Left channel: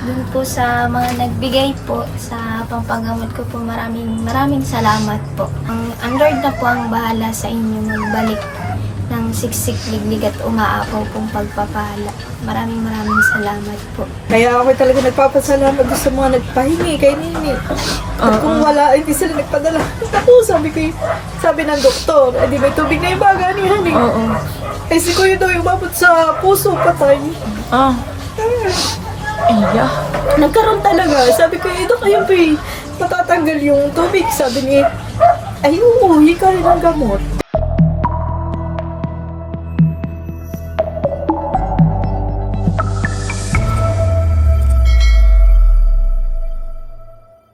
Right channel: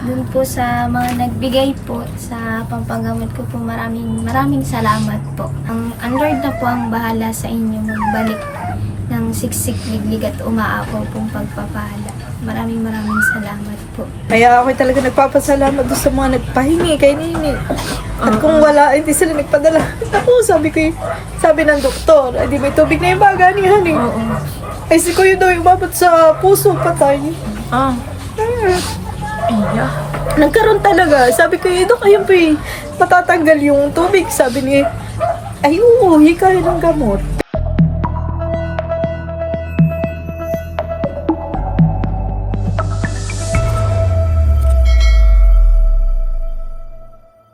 Dun po sa mga nagbigay po sa pampagamot ko po, maraming salamat po. Ang Lord na po ang bahala sa inyo magbalik ng siksik, liglig at umaapaw pong pagpapala. Maraming salamat po. Kaya ako talaga nagpapasalamat doon sa mga nagpahingi kay Nini. At kung wala, hindi sila nagpadala. Ako, sabi ng doktor, ay di may tubig na yung baga ni Honey. Oo. Ay si Kuya daw yung babot sa puso, patay. Iya. Nagkaroon talaga. Sabi ko, Dok, ayun po matatanggal yung tubig. Sabi ni, ay oo, hikahin ng gamot.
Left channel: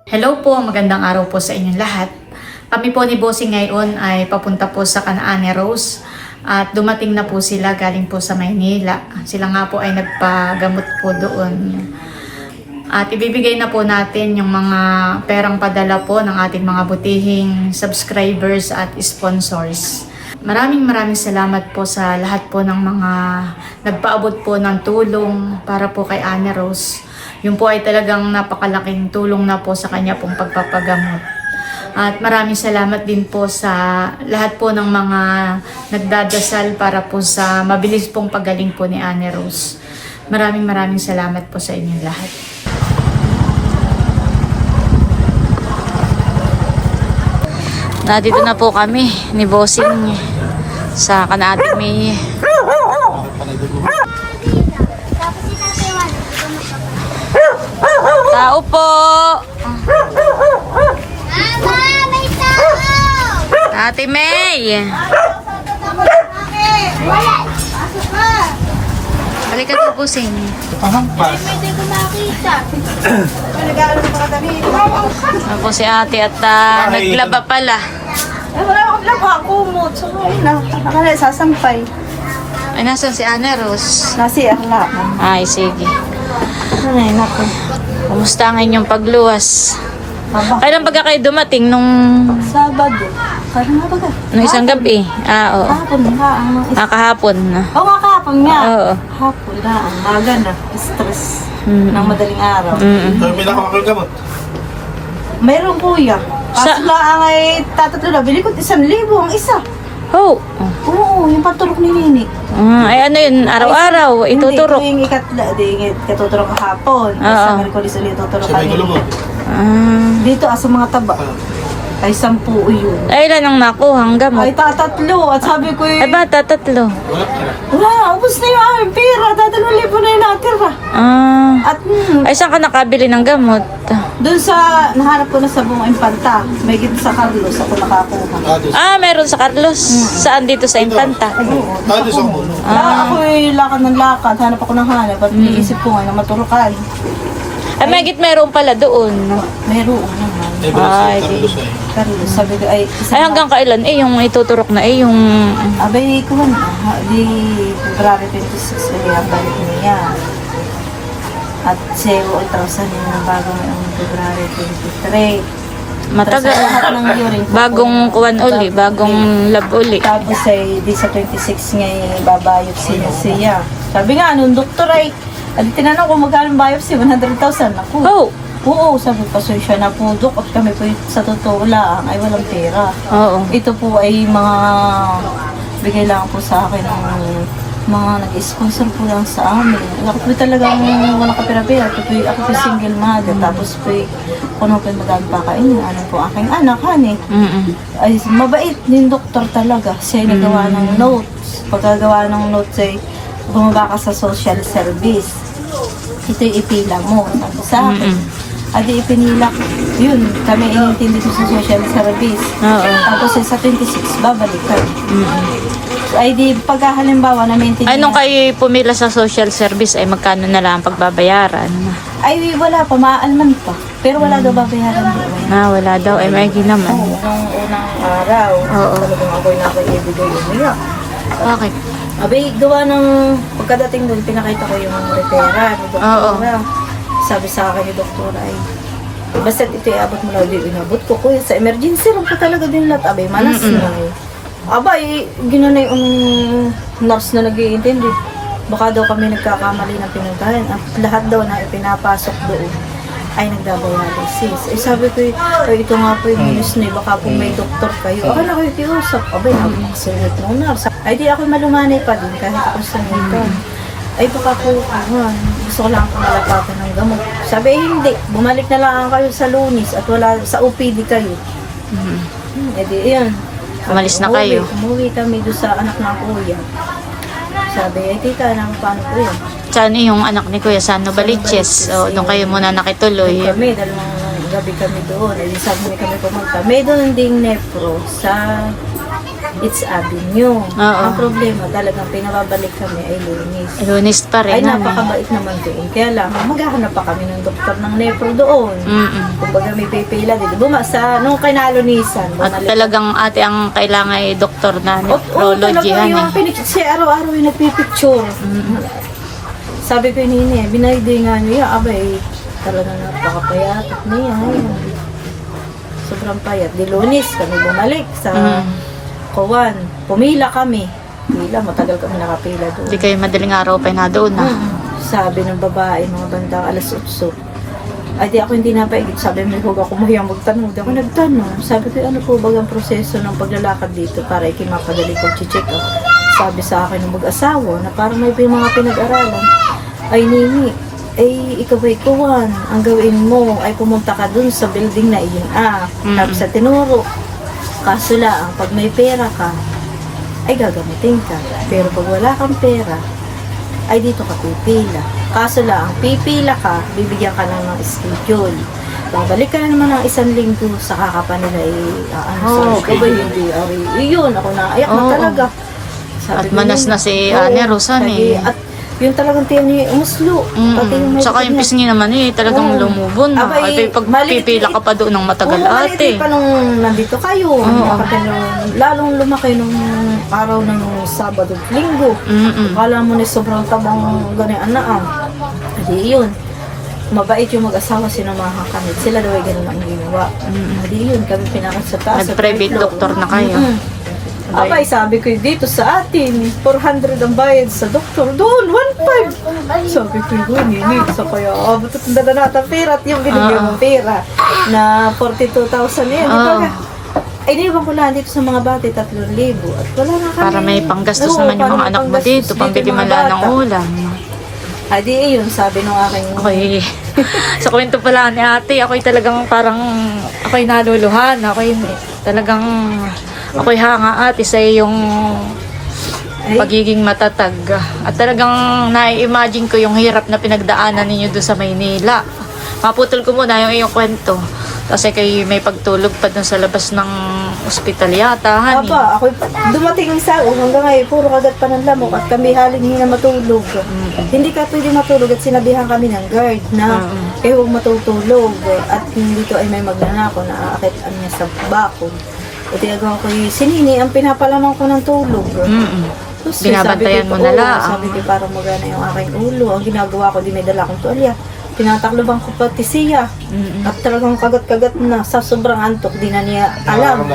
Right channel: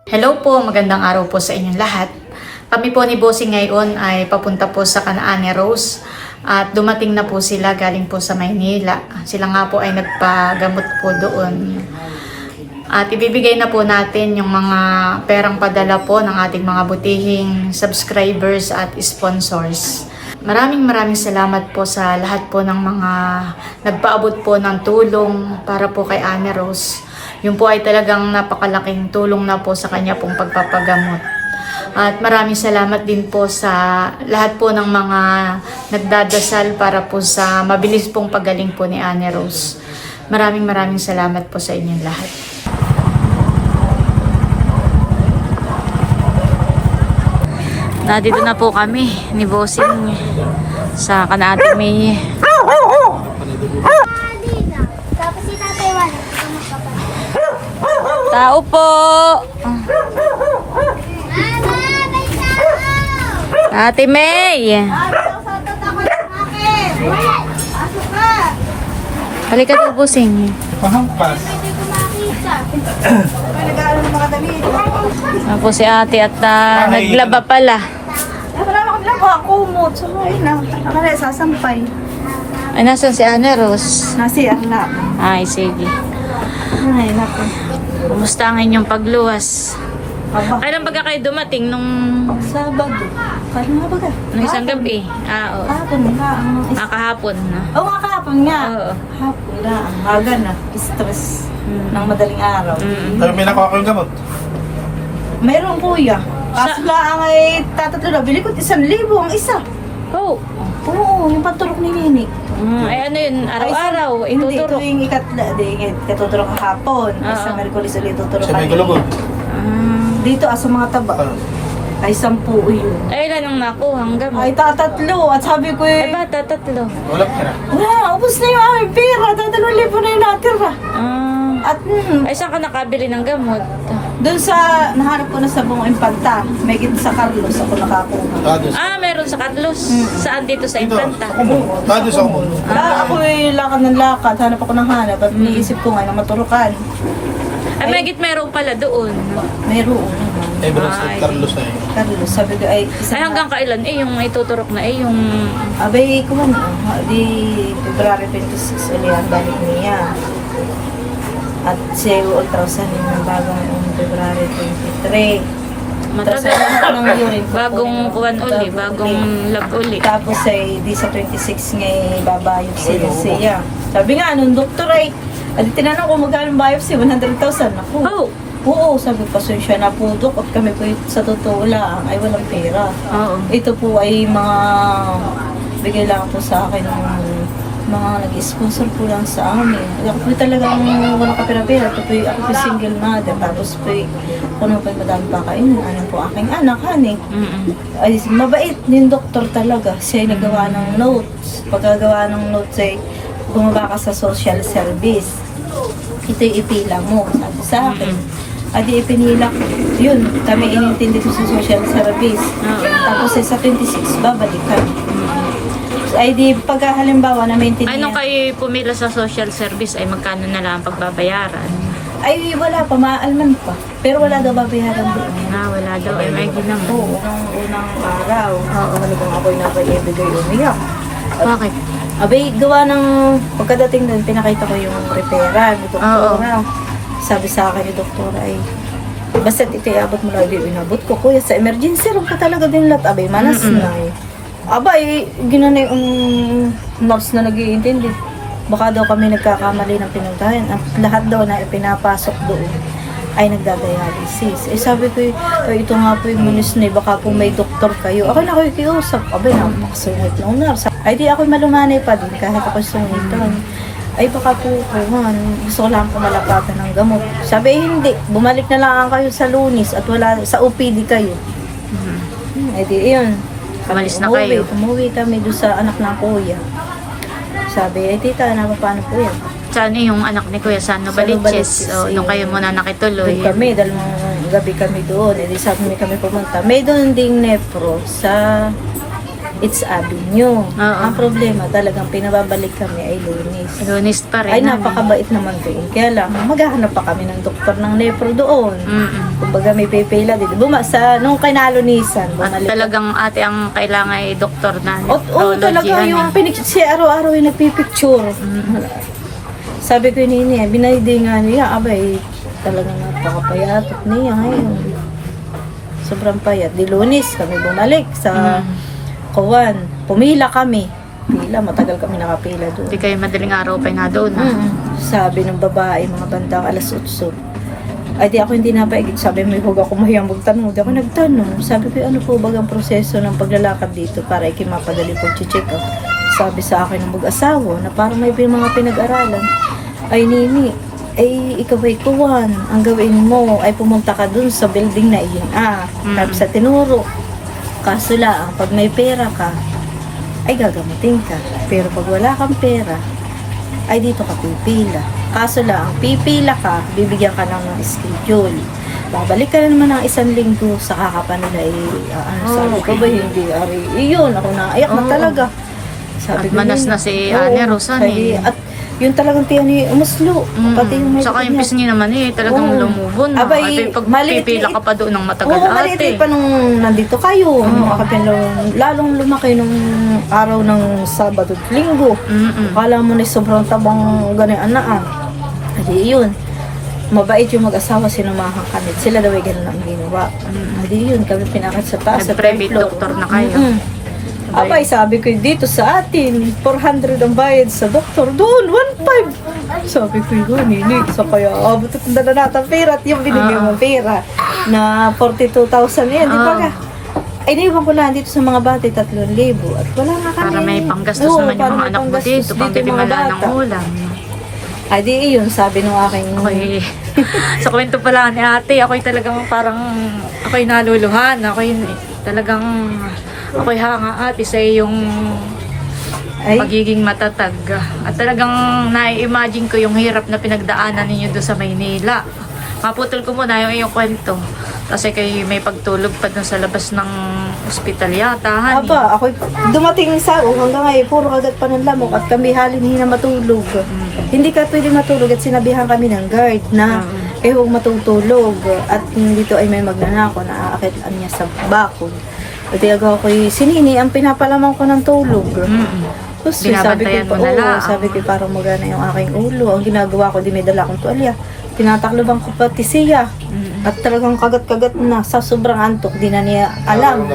Hello po, magandang araw po sa inyong lahat. Kami po ni Bossing ngayon ay papunta po sa Canaan Rose at dumating na po sila galing po sa Maynila. Sila nga po ay nagpagamot po doon. At ibibigay na po natin yung mga perang padala po ng ating mga butihing subscribers at sponsors. Maraming salamat po sa lahat po ng mga nagpaabot po ng tulong para po kay Anne Rose. Yun po ay talagang napakalaking tulong na po sa kanya pong pagpapagamot. At maraming salamat din po sa lahat po ng mga nagdadasal para po sa mabilis pong pagaling po ni Anne Rose. Maraming salamat po sa inyong lahat. Nandito na po kami ni Bossing sa Canaan May. Tao po. Ate May. Halika po, Bossing. Ako si ate at naglaba pala. Kumot. So, ayun na. Ako na sasampay. Ay, nasan si Anne Rose? Nasi, akla. Ay, sige. Ay, naku. Kumusta ang inyong pagluwas? Kailan baga kayo dumating nung Sabado. Parang nga baga. isang gabi? Oo. Kahapon nga. Kahapon na. Oo nga, kahapon nga. Oo. Hapon na. Ang maga na. Stress. Ng madaling araw. Sabi may nakuha kayong gamot? Mayroong kuya. Kaso lang ay tatatlo na. Bili ko 1,000 ang isa. Oh. Oo, yung patulok ni Nini. Ay ano yun, araw-araw, ituturok. Hindi, ito yung katuturok kahapon. Sa Merkulis ulit ituturok Sa may kanina. galubot? Dito, sa mga taba. Ay 10 yun. Ay, ilan ang nakuha ang gamot? Ay tatatlo. At sabi ko Ay, bata, tatlo. Wala ka na. wala, ubos na yung aming pera. 3,000 na yung natira. At Ay, saan ka nakabili ng gamot? doon sa, nahanap ko na sa mga impanta. May gito sa Carlos, ako nakakuha. Dados. Meron sa Carlos. Saan dito sa Infanta? Dados ako. Ako ay lakad ng lakad, hanap ako ng hanap at iniisip ko nga na maturukan. Ay, magit meron pala doon. Mayroon naman. Eh, Ay, Carlos na eh. Carlos, sabi ko ay Ay, hanggang kailan? Yung ituturok na yung... abay ko man, di February 26 ulit ang balik niya. At 0,000 yun ng bago ngayong February 23. Matagal. Tapos lahat ng urine ko Bagong po, kuwan uli, bagong lab uli. Tapos ay di sa 26 niya yung babayopsy na siya. Sabi nga, nung doktor ay tinanong ko magkano biopsy, 100,000 ako. Oh! Oo, sabi ko, so siya na po, Dok, at kami po sa totoo lang ay walang pera. Oo. Ito po ay mga bigay lang po sa akin ng mga nag-sponsor po lang sa amin. Ako po talagang walang kapira-pira. Ako po single mother. Tapos po, kung ano po yung madami pa kainin, ano po aking anak, honey. Ay, mabait din doktor talaga. Siya ay nagawa ng notes. Pagkagawa ng notes ay bumaba ka sa social service. Ito'y ipila mo, sabi sa akin. Adi ipinila ko. Yun, kami inintindi ko sa social service. Tapos sa 26, babalikan. So, ay di pagka halimbawa na maintindihan. Ay, nung kayo pumila sa social service, ay magkano na lang ang pagbabayaran? Ay, wala pa, maaalman pa. Pero wala daw babayaran doon. Wala daw. Ay, may ginaman. Oo, unang araw. Talagang ako'y nakaibigay umiyak. Bakit? Abay, gawa ng pagkadating doon, pinakita ko yung repera ni doktora. Sabi sa akin ni doktora ay, basta't ito iabot mo lang, inabot ko. Kuya, sa emergency room ka talaga din lahat. Abay, manas na eh. Abay, ginanay yung nurse na nag-iintindi. baka daw kami nagkakamali ng pinuntahan. At lahat daw na ipinapasok doon ay nagdadialysis. Eh sabi ko, ito nga po yung munisne, baka po may doktor kayo. Ako na kiusap. Abay, napakasungit ng nurse. Ay di ako malumanay pa din kahit ako sungitan. Ay baka po, gusto ko lang po malapatan ng gamot. Sabi, hindi. Bumalik na lang kayo sa Lunis at wala sa OPD kayo. Eh di, yun. Umalis na kayo. Umuwi kami doon sa anak ng kuya. Sabi, tita, paano po yan? Saan yung anak ni Kuya? Saan Novaliches? O, doon kayo muna nakituloy. Doon kami, dalawang gabi kami doon. Eh di sabi kami pumunta. May doon ding nepro sa It's Avenue. Ang problema, talagang pinababalik kami ay Lunis. Lunis pa rin. Ay, napakabait naman doon. Kaya lang, maghahanap pa kami ng doktor ng nepro doon. Kumbaga may pipila din. Nung kinalunisan, At bumalik. talagang ate ang kailangan ay doktor na Talaga yung siya araw-araw yung nagpipicture. Sabi ko nini, binaydi nga niya, abay, talagang napakapayatot niya ngayon. Sobrang payat. Di Lunis, kami bumalik sa Kuwan. Pumila kami. Pila, matagal kami nakapila doon. Hindi kayo madaling araw pa na doon na. Sabi ng babae, mga bandang alas 8. Ay di ako hindi napaigit. Sabi may huwag ako mahiyang magtanong. Di ako nagtanong. Sabi ko, ano po bagang proseso ng paglalakad dito para ikimapadali pag-check up. Sabi sa akin ng mag-asawa na parang may mga pinag-aralan. Ay Nini, ay ikaw ay Kuwan. Ang gawin mo ay pumunta ka dun sa building na iyon. Tapos sa tinuro. Kaso lang, pag may pera ka, ay gagamutin ka. Pero pag wala kang pera, ay dito ka pipila. Kaso lang, pipila ka, bibigyan ka lang ng schedule. Babalik ka na naman ng 1 linggo, saka ka pa nila sabi ko ba hindi, ari, iyon, ako naiyak na talaga. Sabi At manas na si Ane Rosan eh. At yung talagang tiyan ni umuslo. Pati yung may Saka yung pisngi naman eh, talagang lumubon na. Abay, At pag pipila ka pa doon ng matagal maliit ate. pa nung nandito kayo. Lalong lumaki nung araw ng Sabado at Linggo. Akala mo na sobrang tabang ganyan anaan. Adi yun. Mabait yung mag-asawa, sinamahan kami. Sila daw ay ganun ang ginawa. Adi yun, kami pinakit sa taas. Nag-private doctor na kayo. Abay, sabi ko dito sa atin, 400 ang bayad sa doktor. Doon, 1.5. Sabi ko yun, Nini. So kaya, butot na natin pera at yung binigyan mong pera na 42,000 yan. Di ba nga? Ay, naiwan ko lang dito sa mga bata, 3,000. At wala nga kami. Para may panggastos naman yung mga anak mo dito, pambili man lang ng ulam. Ay, di yun, sabi nung aking... Okay. Sa kwento pala ni ate, ako'y talagang parang, ako'y naluluhan. Ako'y talagang, ako'y hanga ate sa iyong pagiging matatag. At talagang nai-imagine ko yung hirap na pinagdaanan ninyo doon sa Maynila. Maputol ko muna yung iyong kwento. Kasi kayo may pagtulog pa doon sa labas ng ospital yata, honey. Aba, ako dumating sa hanggang ngayon, puro kagat pa ng lamok at kami halin na matulog. Hindi ka pwede matulog at sinabihan kami ng guard na kayo huwag matutulog at dito ay may magnanako na aakitan niya sa bakod. At agaw ko sinini ang pinapalaman ko ng tulog. Tapos Binabantayan mo na lang. sabi ko parang magana yung aking ulo. Ang ginagawa ko, di may dala akong tuwalya. Tinatakloban ko pati siya. At talagang kagat-kagat na sa sobrang antok, di na niya alam.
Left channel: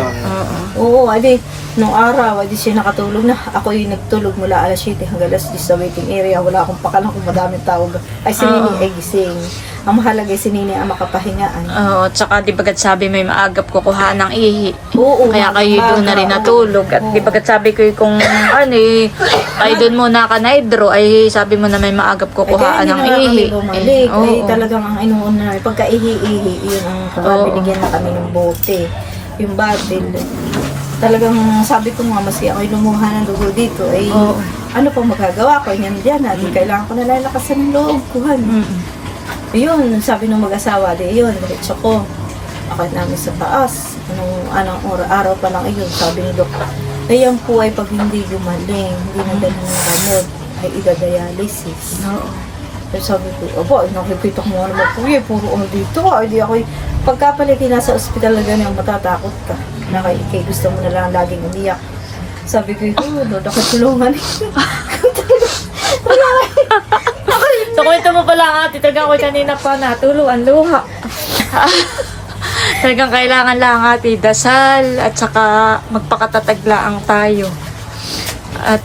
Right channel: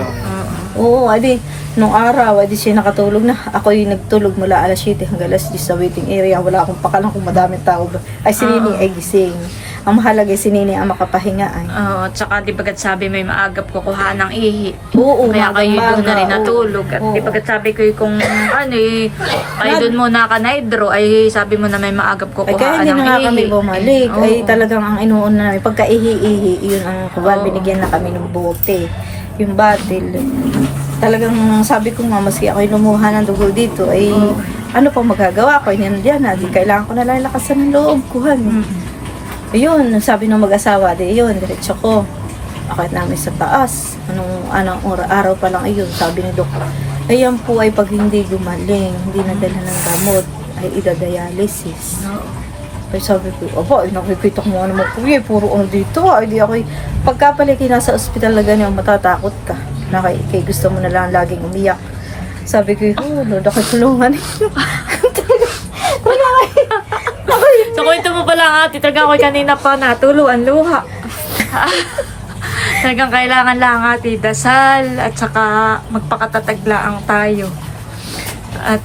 Oo, adi, nung araw, adi siya nakatulog na. Ako yung nagtulog mula alas 7 hanggang alas 10 sa waiting area. Wala akong pakalang kung madaming tao ba. Ay, si Nini ay gising. Ang mahalaga ay si Nini ang makapahingaan. Oo, at saka di bagat sabi may maagap kukuha ng ihi. Oo, Kaya kayo doon na rin natulog. At di bagat sabi ko kung ano eh, kayo doon muna ka na hydro, ay sabi mo na may maagap Ay, kukuha kaya hindi ng na nga ihi. kami bumalik. Oo. Ay, talagang ang inuuna namin. Pagka ihi-ihi, yun ang Oo. binigyan na kami ng bote. Yung bottle. Talagang sabi ko nga, maski ako'y lumuha ng dugo dito, ay ano pang magagawa ko? Yan dyan natin. Kailangan ko na lalakasan ng loob ko. Ayun, sabi ng mag-asawa, di yun, diretso ko. Akit namin sa taas. Anong araw pa lang ayun, sabi ni Dok. Ayan po ay pag hindi gumaling, hindi nadala ng gamot, ay idadialysis. Ay sabi ko, aba, ay nakikita ko nga naman kuya, puro ano dito. Ay di ako, pagkapaliki nasa ospital na ganyan, matatakot ka. Kay gusto mo na lang laging umiyak. Sabi ko, Lord, ako tulungan ninyo. So kwento mo pala ate, talagang ako kanina pa natuluan luha. Talagang kailangan lang ate dasal at saka magpakatataglaang tayo. At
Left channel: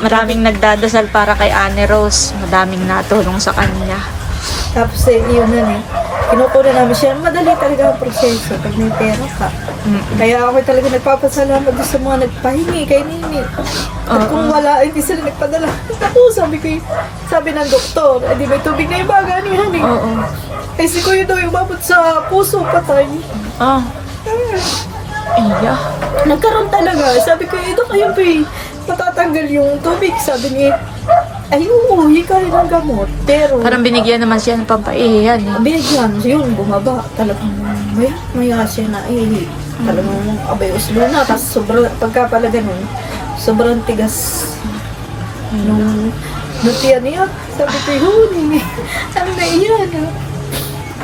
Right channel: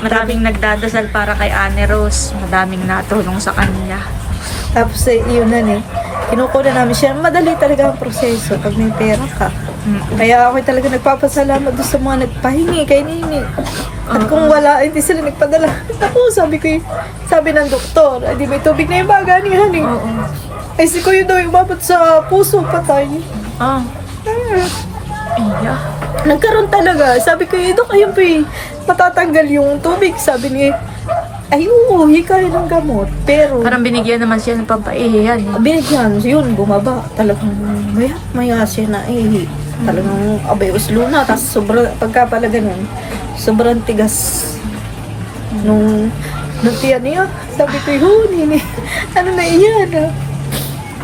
Maraming nagdadasal para kay Ane Rose. Madaming natulong sa kanya. Tapos yun na kinukuha namin siya. Madali talaga ang proseso pag may pera ka. Kaya ako talaga nagpapasalamat doon sa mga nagpahingi kay Nini. At kung wala, hindi sila nagpadala. Ako, sabi ng doktor, di may tubig na yung baga ni Honey. Oo. Ay, si Kuya daw yung umabot sa puso, patay. Ah. Iya. Nagkaroon talaga. Sabi ko, Dok, ayun po matatanggal yung tubig. Sabi ni, ay, oo, hikahin ng gamot. Pero, Parang binigyan naman siya ng pampaihihan. Eh. binigyan, yun, bumaba. Talagang maya siya na talagang abay uslo na. Tapos pagka pala ganun, sobrang tigas. Nung tiyan niya, sabi ko, Nini, ano na iyan?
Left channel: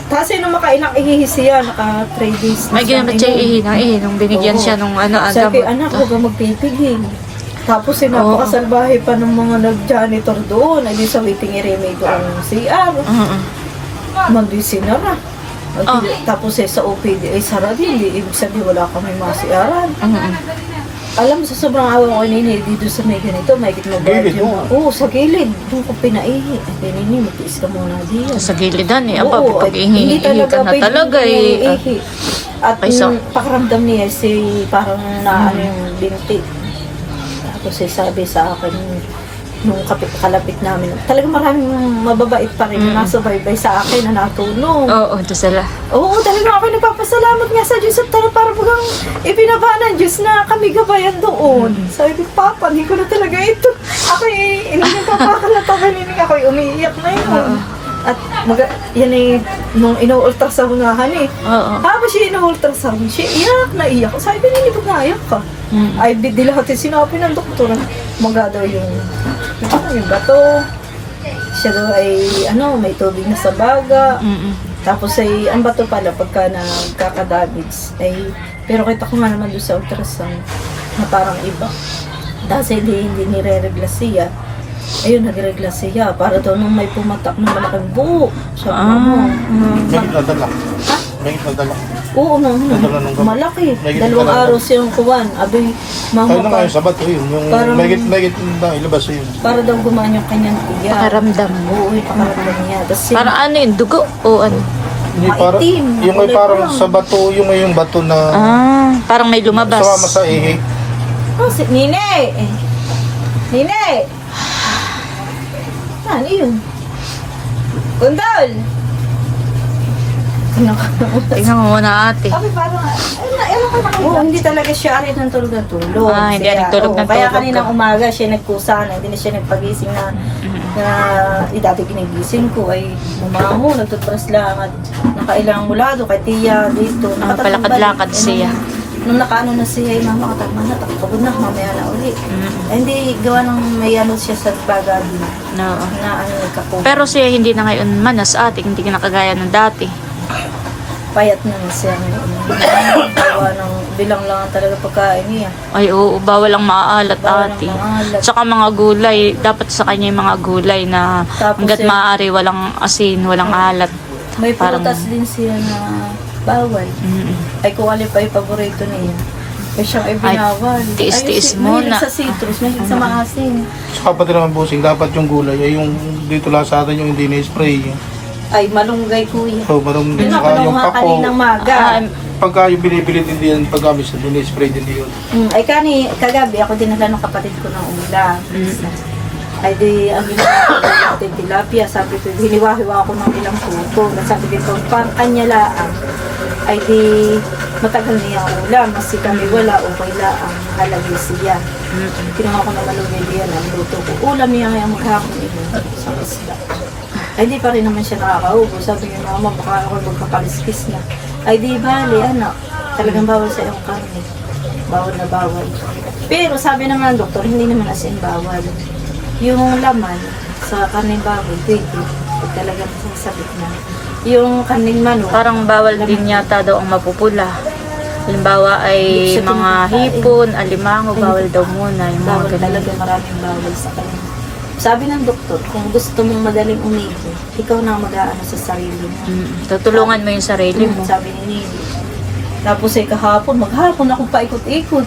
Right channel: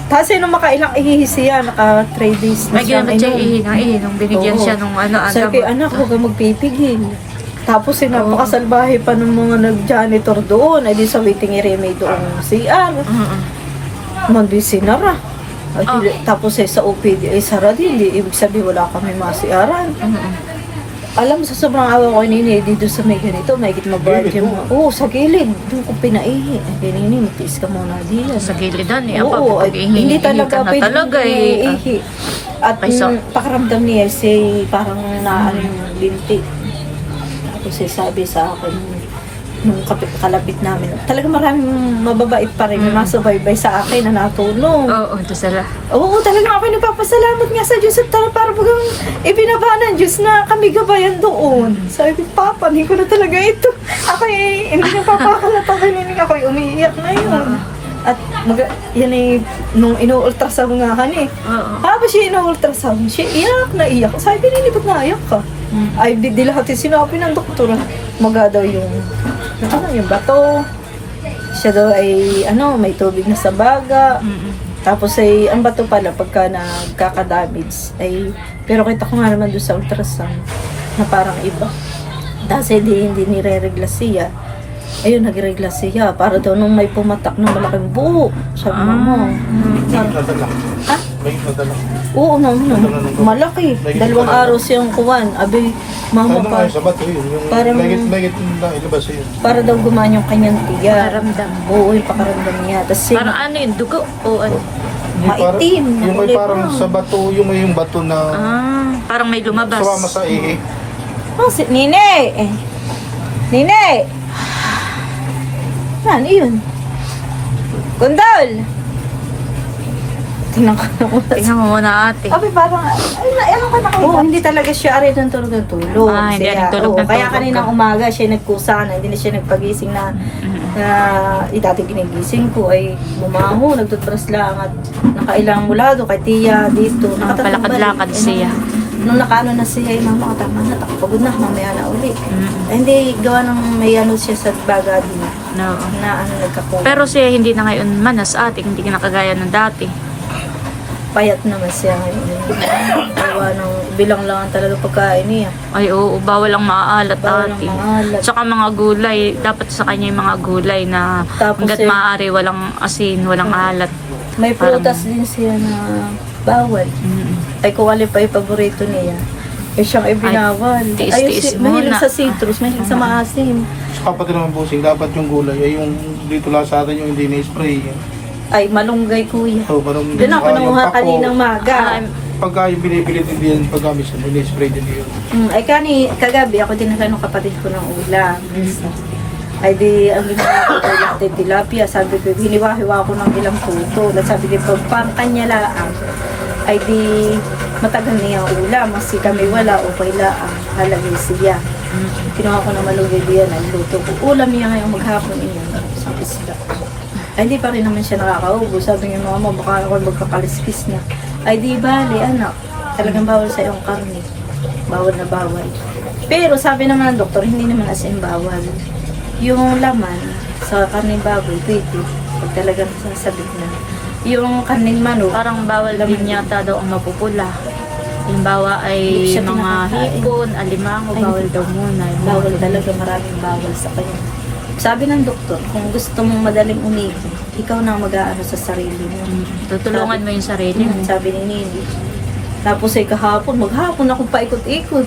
Tapos nung makailang ihihisi yan, naka 3 days na May ginamit siya ihi nung binigyan Oo. siya nung Sabi, gamot. anak, huwag kang magpipigil. Tapos napakasalbahe pa ng mga nag-janitor doon. Ay di sa waiting area may doon CR. Mandi sinara. Tapos sa OPD ay sara din. Ibig sabihin wala kami masiaran. Alam mo, sa sobrang awa ko kay Nini, dito sa may ganito, may magbayad yung mga, sa gilid. Doon ko pinaihi. Kay Nini, magtiis ka muna diyan. Sa gilidan eh. Oo, Pag hindi talaga na talaga eh. ihi. At Paiso. pakiramdam niya, parang naano yung binti. Tapos sabi sa akin, nung kalapit namin, talaga maraming mababait pa rin na nasubaybay sa akin na natulong. Oo, ito sila. Oo, talaga ako nagpapasalamat nga sa Diyos at para bagang ibinaba ng Diyos na kami gabayan doon. Sabi ko, Papa, hindi ko na talaga ito. Ako hindi na papakalata kanina ako umiiyak na yun. At yan nung ino-ultrasound nga eh. Oo. Habang siya ino-ultrasound, siya iyak na iyak. Sabi ko, Nini, ba't naiyak ka? Ay, di lahat yung sinabi ng doktor. Maga daw yung bato. Siya daw ay, may tubig na sa baga. Tapos ay, ang bato pala, pagka nagkakadamage, pero kita ko nga naman doon sa ultrasound, na parang iba. Dahil hindi nire-regla siya. Ayun, nagregla siya. Para daw nung may pumatak ng malaking buo. Sabi mo. Nadala. Ha? May nadala. Oo, malaki. 2 araw siyang kuwan. Abi, mama Ano pa. nga, sabat yun. Yung Parang- megit na ilabas yun. Para daw gumaan yung kanyang tiya. Pakaramdam. Oo, yung pakaramdam niya. Tapos Para ano yung dugo o ano? Yung Maitim, Yung may nakulay parang pa. sa bato, yung may bato na Parang may lumabas. sumama sa ihi. Nine! Nine! Ano yun? Kundol! Tingnan ko. Tingnan mo muna ate. Abi, parang, ewan ka na kayo. Oo, hindi talaga siya arin ng tulog ng tulog. Hindi rin tulog ng Kaya tulog kaninang ka. umaga siya nagkusa na, hindi na siya nagpagising na, dati ginigising ko ay bumango, nagtutbrush lang at nakailang mulado kay tiya dito. Palakad-lakad siya. Nung nakaano na siya, mama, tama na, pagod na, mamaya na uli. Hindi, gawa ng may ano siya sa baga din, No. na nagkakuha. Pero siya hindi na ngayon manas ate, hindi na kagaya ng dati. Payat naman siya ngayon. Gawa ng bilang lang ang talaga pagkain niya. Ay oo, bawal ang maaalat Bawal ang ate. maalat. Tsaka mga gulay, dapat sa kanya yung mga gulay na Tapos hanggat eh, maaari walang asin, walang alat. May Parang- prutas din siya na bawal. Ay kung alin pa yung paborito niya. Eh siyang ay binawal. tiis-tiis mahilig muna. sa citrus, mahilig sa maasim. Sa kapatid naman busing, dapat yung gulay ay yung dito lang sa atin yung hindi na-spray. Ay malunggay kuya. So, parang Doon ako nakuha kaninang maga. Pagka yung binibili din din paggamit sa din-spray din yun. Ay kagabi ako dinala ng kapatid ko ng ulam. Ay di, ang ginawa ko ulam tilapia. Sabi ko, hiniwa-hiwa ko ng ilang puto. Sabi ko, pang kanya laang. Ay di, matagal niya ang ulam. Kasi kami wala, okay laang. Halagay siya. Kinuha ko ng malunggay diyan, ang luto ko. Ulam niya ngayong maghapon iyon. Sa isda. Ay di pa rin naman siya nakakaubo. Sabi niya, mama, baka ako magkakaliskis na. Ay di, bali, anak. Talagang bawal sa iyong karne. Bawal na bawal. Pero sabi naman ng doktor, hindi naman as in bawal. Yung laman sa karne baboy, pwede. Pag talagang sasabit na. Yung karning manok, Parang bawal din yata daw ang mapupula. Halimbawa Hindi ay siya mga pinapakain. hipon, alimango, Ay, bawal daw muna. bawal talaga, maraming bawal sa kanya. Sabi ng doktor, kung gusto mong madaling umigi, ikaw na mag-aano sa sarili mo. Tutulungan mo yung sarili mo. Sabi ni Nini. Tapos ay kahapon, maghapon akong paikot-ikot.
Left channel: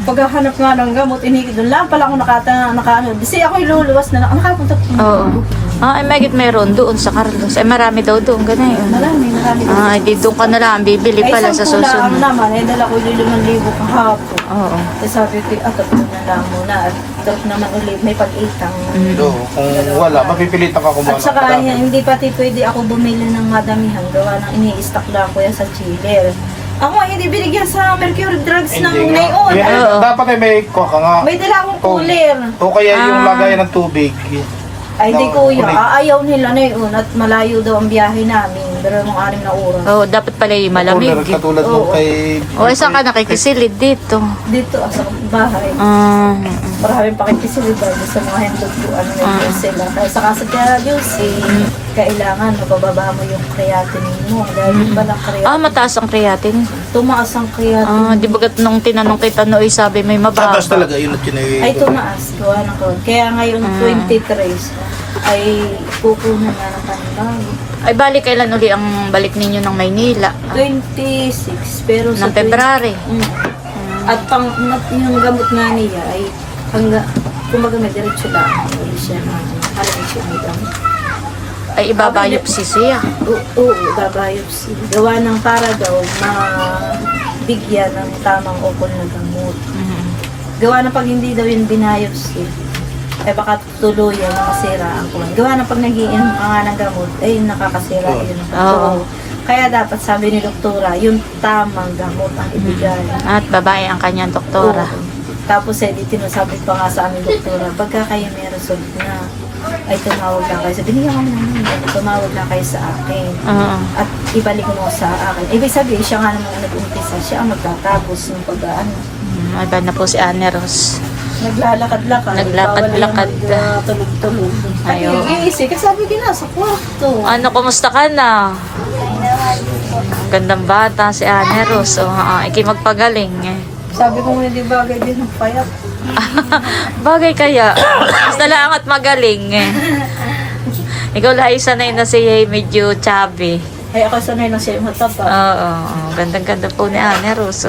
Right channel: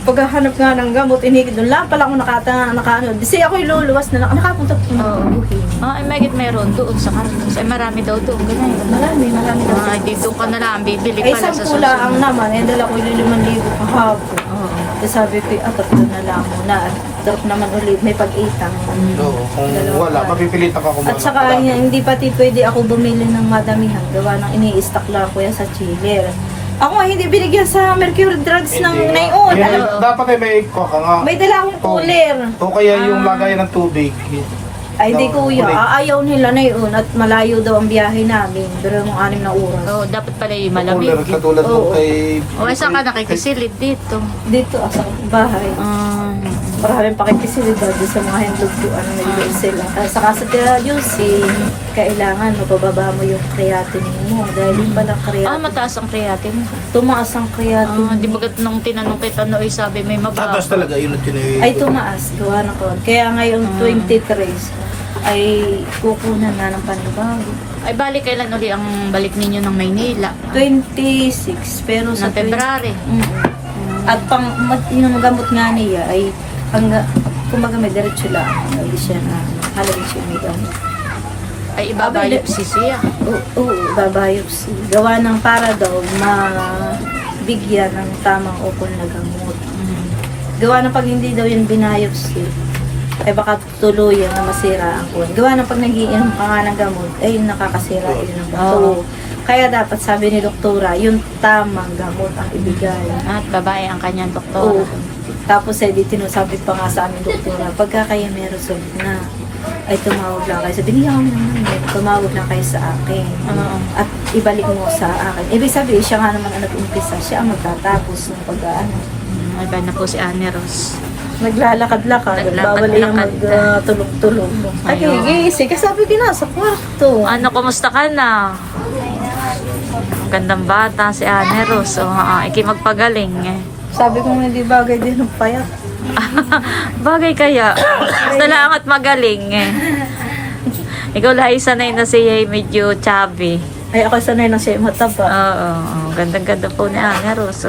paghahanap nga ng gamot, inigid doon lang pala ako nakaano. Kasi ako luluwas na nakapunta po na Oo. Ay, magit meron doon sa Carlos. Ay, marami daw doon, ganun. Marami daw. Ay, di doon ka na lang, bibili Ay, pala sa isang lang susunod. naman, dala ko yung 5,000 kahapon. Oo. Tapos sabi ko, tatlo na lang muna. At drop naman ulit, may pag-itang. Oo, kung wala, mapipilitan ka kumain. At saka hindi pati pwede ako bumili ng madamihan. Gawa ng ini-stock lang ko yan sa chiller. Ako nga hindi binigyan sa Mercury Drugs ng ngayon. Dapat may kuha ka nga. May dala akong cooler. O kaya yung lagayan ng tubig. Ay, hindi kuya. Aayaw nila na yun at malayo daw ang biyahe namin. Pero yung 6 na oras. Oo, dapat pala yung malamig. Katulad Oo. nung kay... O, saan ka nakikisilid dito? Dito, sa bahay. Maraming pakikisilidad doon sa mga handlugduan na may sila. Kaya sa kasi kaya Juicy, kailangan mapababa mo yung creatinine mo. Dahil yung palang creatinine. Mataas ang creatinine. Tumaas ang creatinine. Di ba nung tinanong kita Noy, sabi may mababa. Tatas talaga yun at yun Ay tumaas. Gawa ng kawan. Kaya ngayon 23 ay kukunan nga ng panibago. Ay, balik kailan uli ang balik ninyo ng Maynila? 26. Pero sa Ng February. At yung gamot nga niya ay kumbaga may diretso lang. Hindi siya na halagay siya may gamot. Ay, ibabayopsi siya. Oo, babayopsi. Gawa ng para daw mabigyan ng tamang ukol na gamot. Gawa ng pag hindi daw yun binayopsi, ay baka tuluyan na masira ang kuwan. Gawa ng pag nagiinom ka nga ng gamot, ay nakakasira yun ang bato. Kaya dapat sabi ni doktora, yung tamang gamot ang ibigay. At babae ang kanyang Oo. doktora. Tapos di tinasabi pa nga sa aming doktora, pagka kayo may result na, ay tumawag lang kayo. Sabi niya kami naman yun, tumawag lang kayo sa akin. At ibalik mo sa akin. Ibig sabihin, siya nga naman ang nag-umpisa. Siya ang magtatapos ng pag-ano. Iba na po si Anne Rose. Naglalakad-lakad. Naglakad-lakad. Tulog-tulog. Ay, Ayaw. gising. Kasabi ka na sa kwarto. Ano, kumusta ka na? Ang gandang bata si Anne Rose. Iki magpagaling eh. Sabi ko hindi bagay din ng payat. Bagay kaya. Basta lang at magaling eh. Ikaw lahat sanay na siya medyo chubby. Ay, ako sanay na siya mataba. Oo. Gandang-ganda po ni Anne Rose.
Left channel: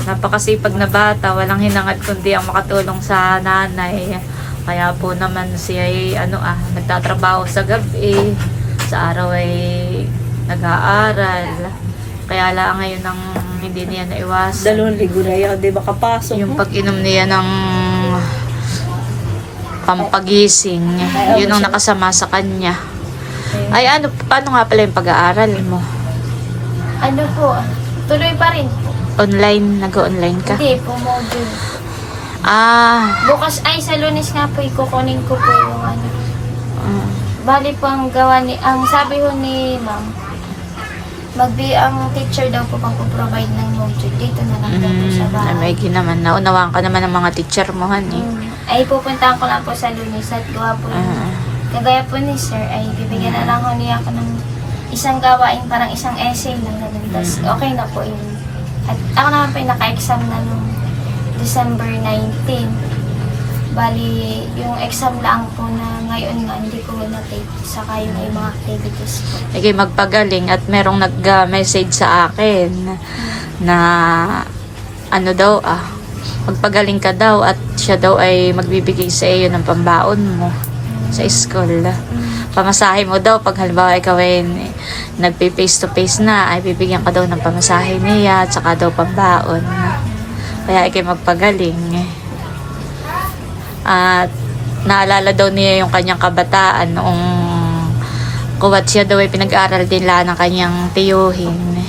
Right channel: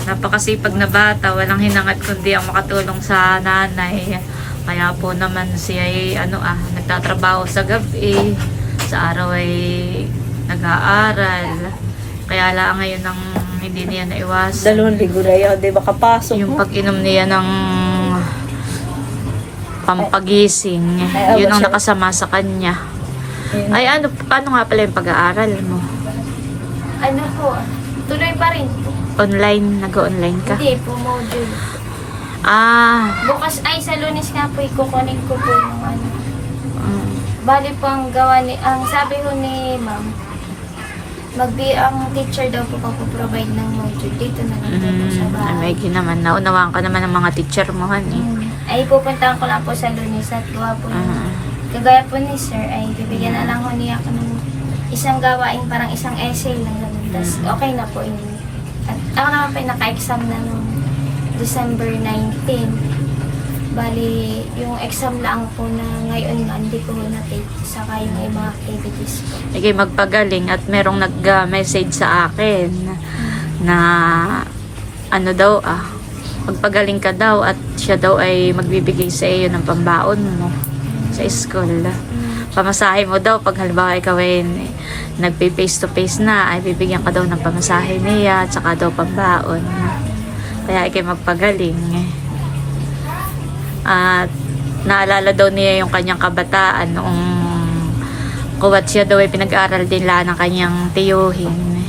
Napakasipag na bata, walang hinangad kundi ang makatulong sa nanay. Kaya po naman siya ay nagtatrabaho sa gabi, sa araw ay nag-aaral. Kaya lang ngayon ang hindi niya naiwasan. 2 linggo na yun, di ba kapasok Yung mo? pag-inom niya ng pampagising, yun ang nakasama sa kanya. Ay paano nga pala yung pag-aaral mo? Ano po, tuloy pa rin po. Online, nag-online ka? Hindi po, module. Bukas ay sa Lunes nga po, ikukunin ko po yung ano. Bali po ang gawa ni, ang sabi ko ni ma'am, ang teacher daw po pagpo-provide ng module. Dito na lang daw po sa bahay. May naman, naunawaan ka naman ng mga teacher mo, honey. Ay pupuntahan ko lang po sa Lunes at gawa po. Kagaya po ni sir, ay bibigyan na lang ko niya ako ng isang gawain, parang isang essay lang naman. Tapos okay na po yun. At ako naman po yung naka-exam na noong December 19. Bali, yung exam lang po na ngayon nga hindi ko na-take saka yung mga activities po. Okay, magpagaling at merong nag-message sa akin na magpagaling ka daw at siya daw ay magbibigay sa iyo ng pambaon mo sa school. Pamasahe mo daw pag halimbawa ikaw ay nagpe-face to face na, ay bibigyan ka daw ng pamasahe niya at saka daw pambaon. Kaya ikay magpagaling. At naalala daw niya yung kanyang kabataan noong kuwat siya daw ay pinag-aaral din lang ng kanyang tiyuhin.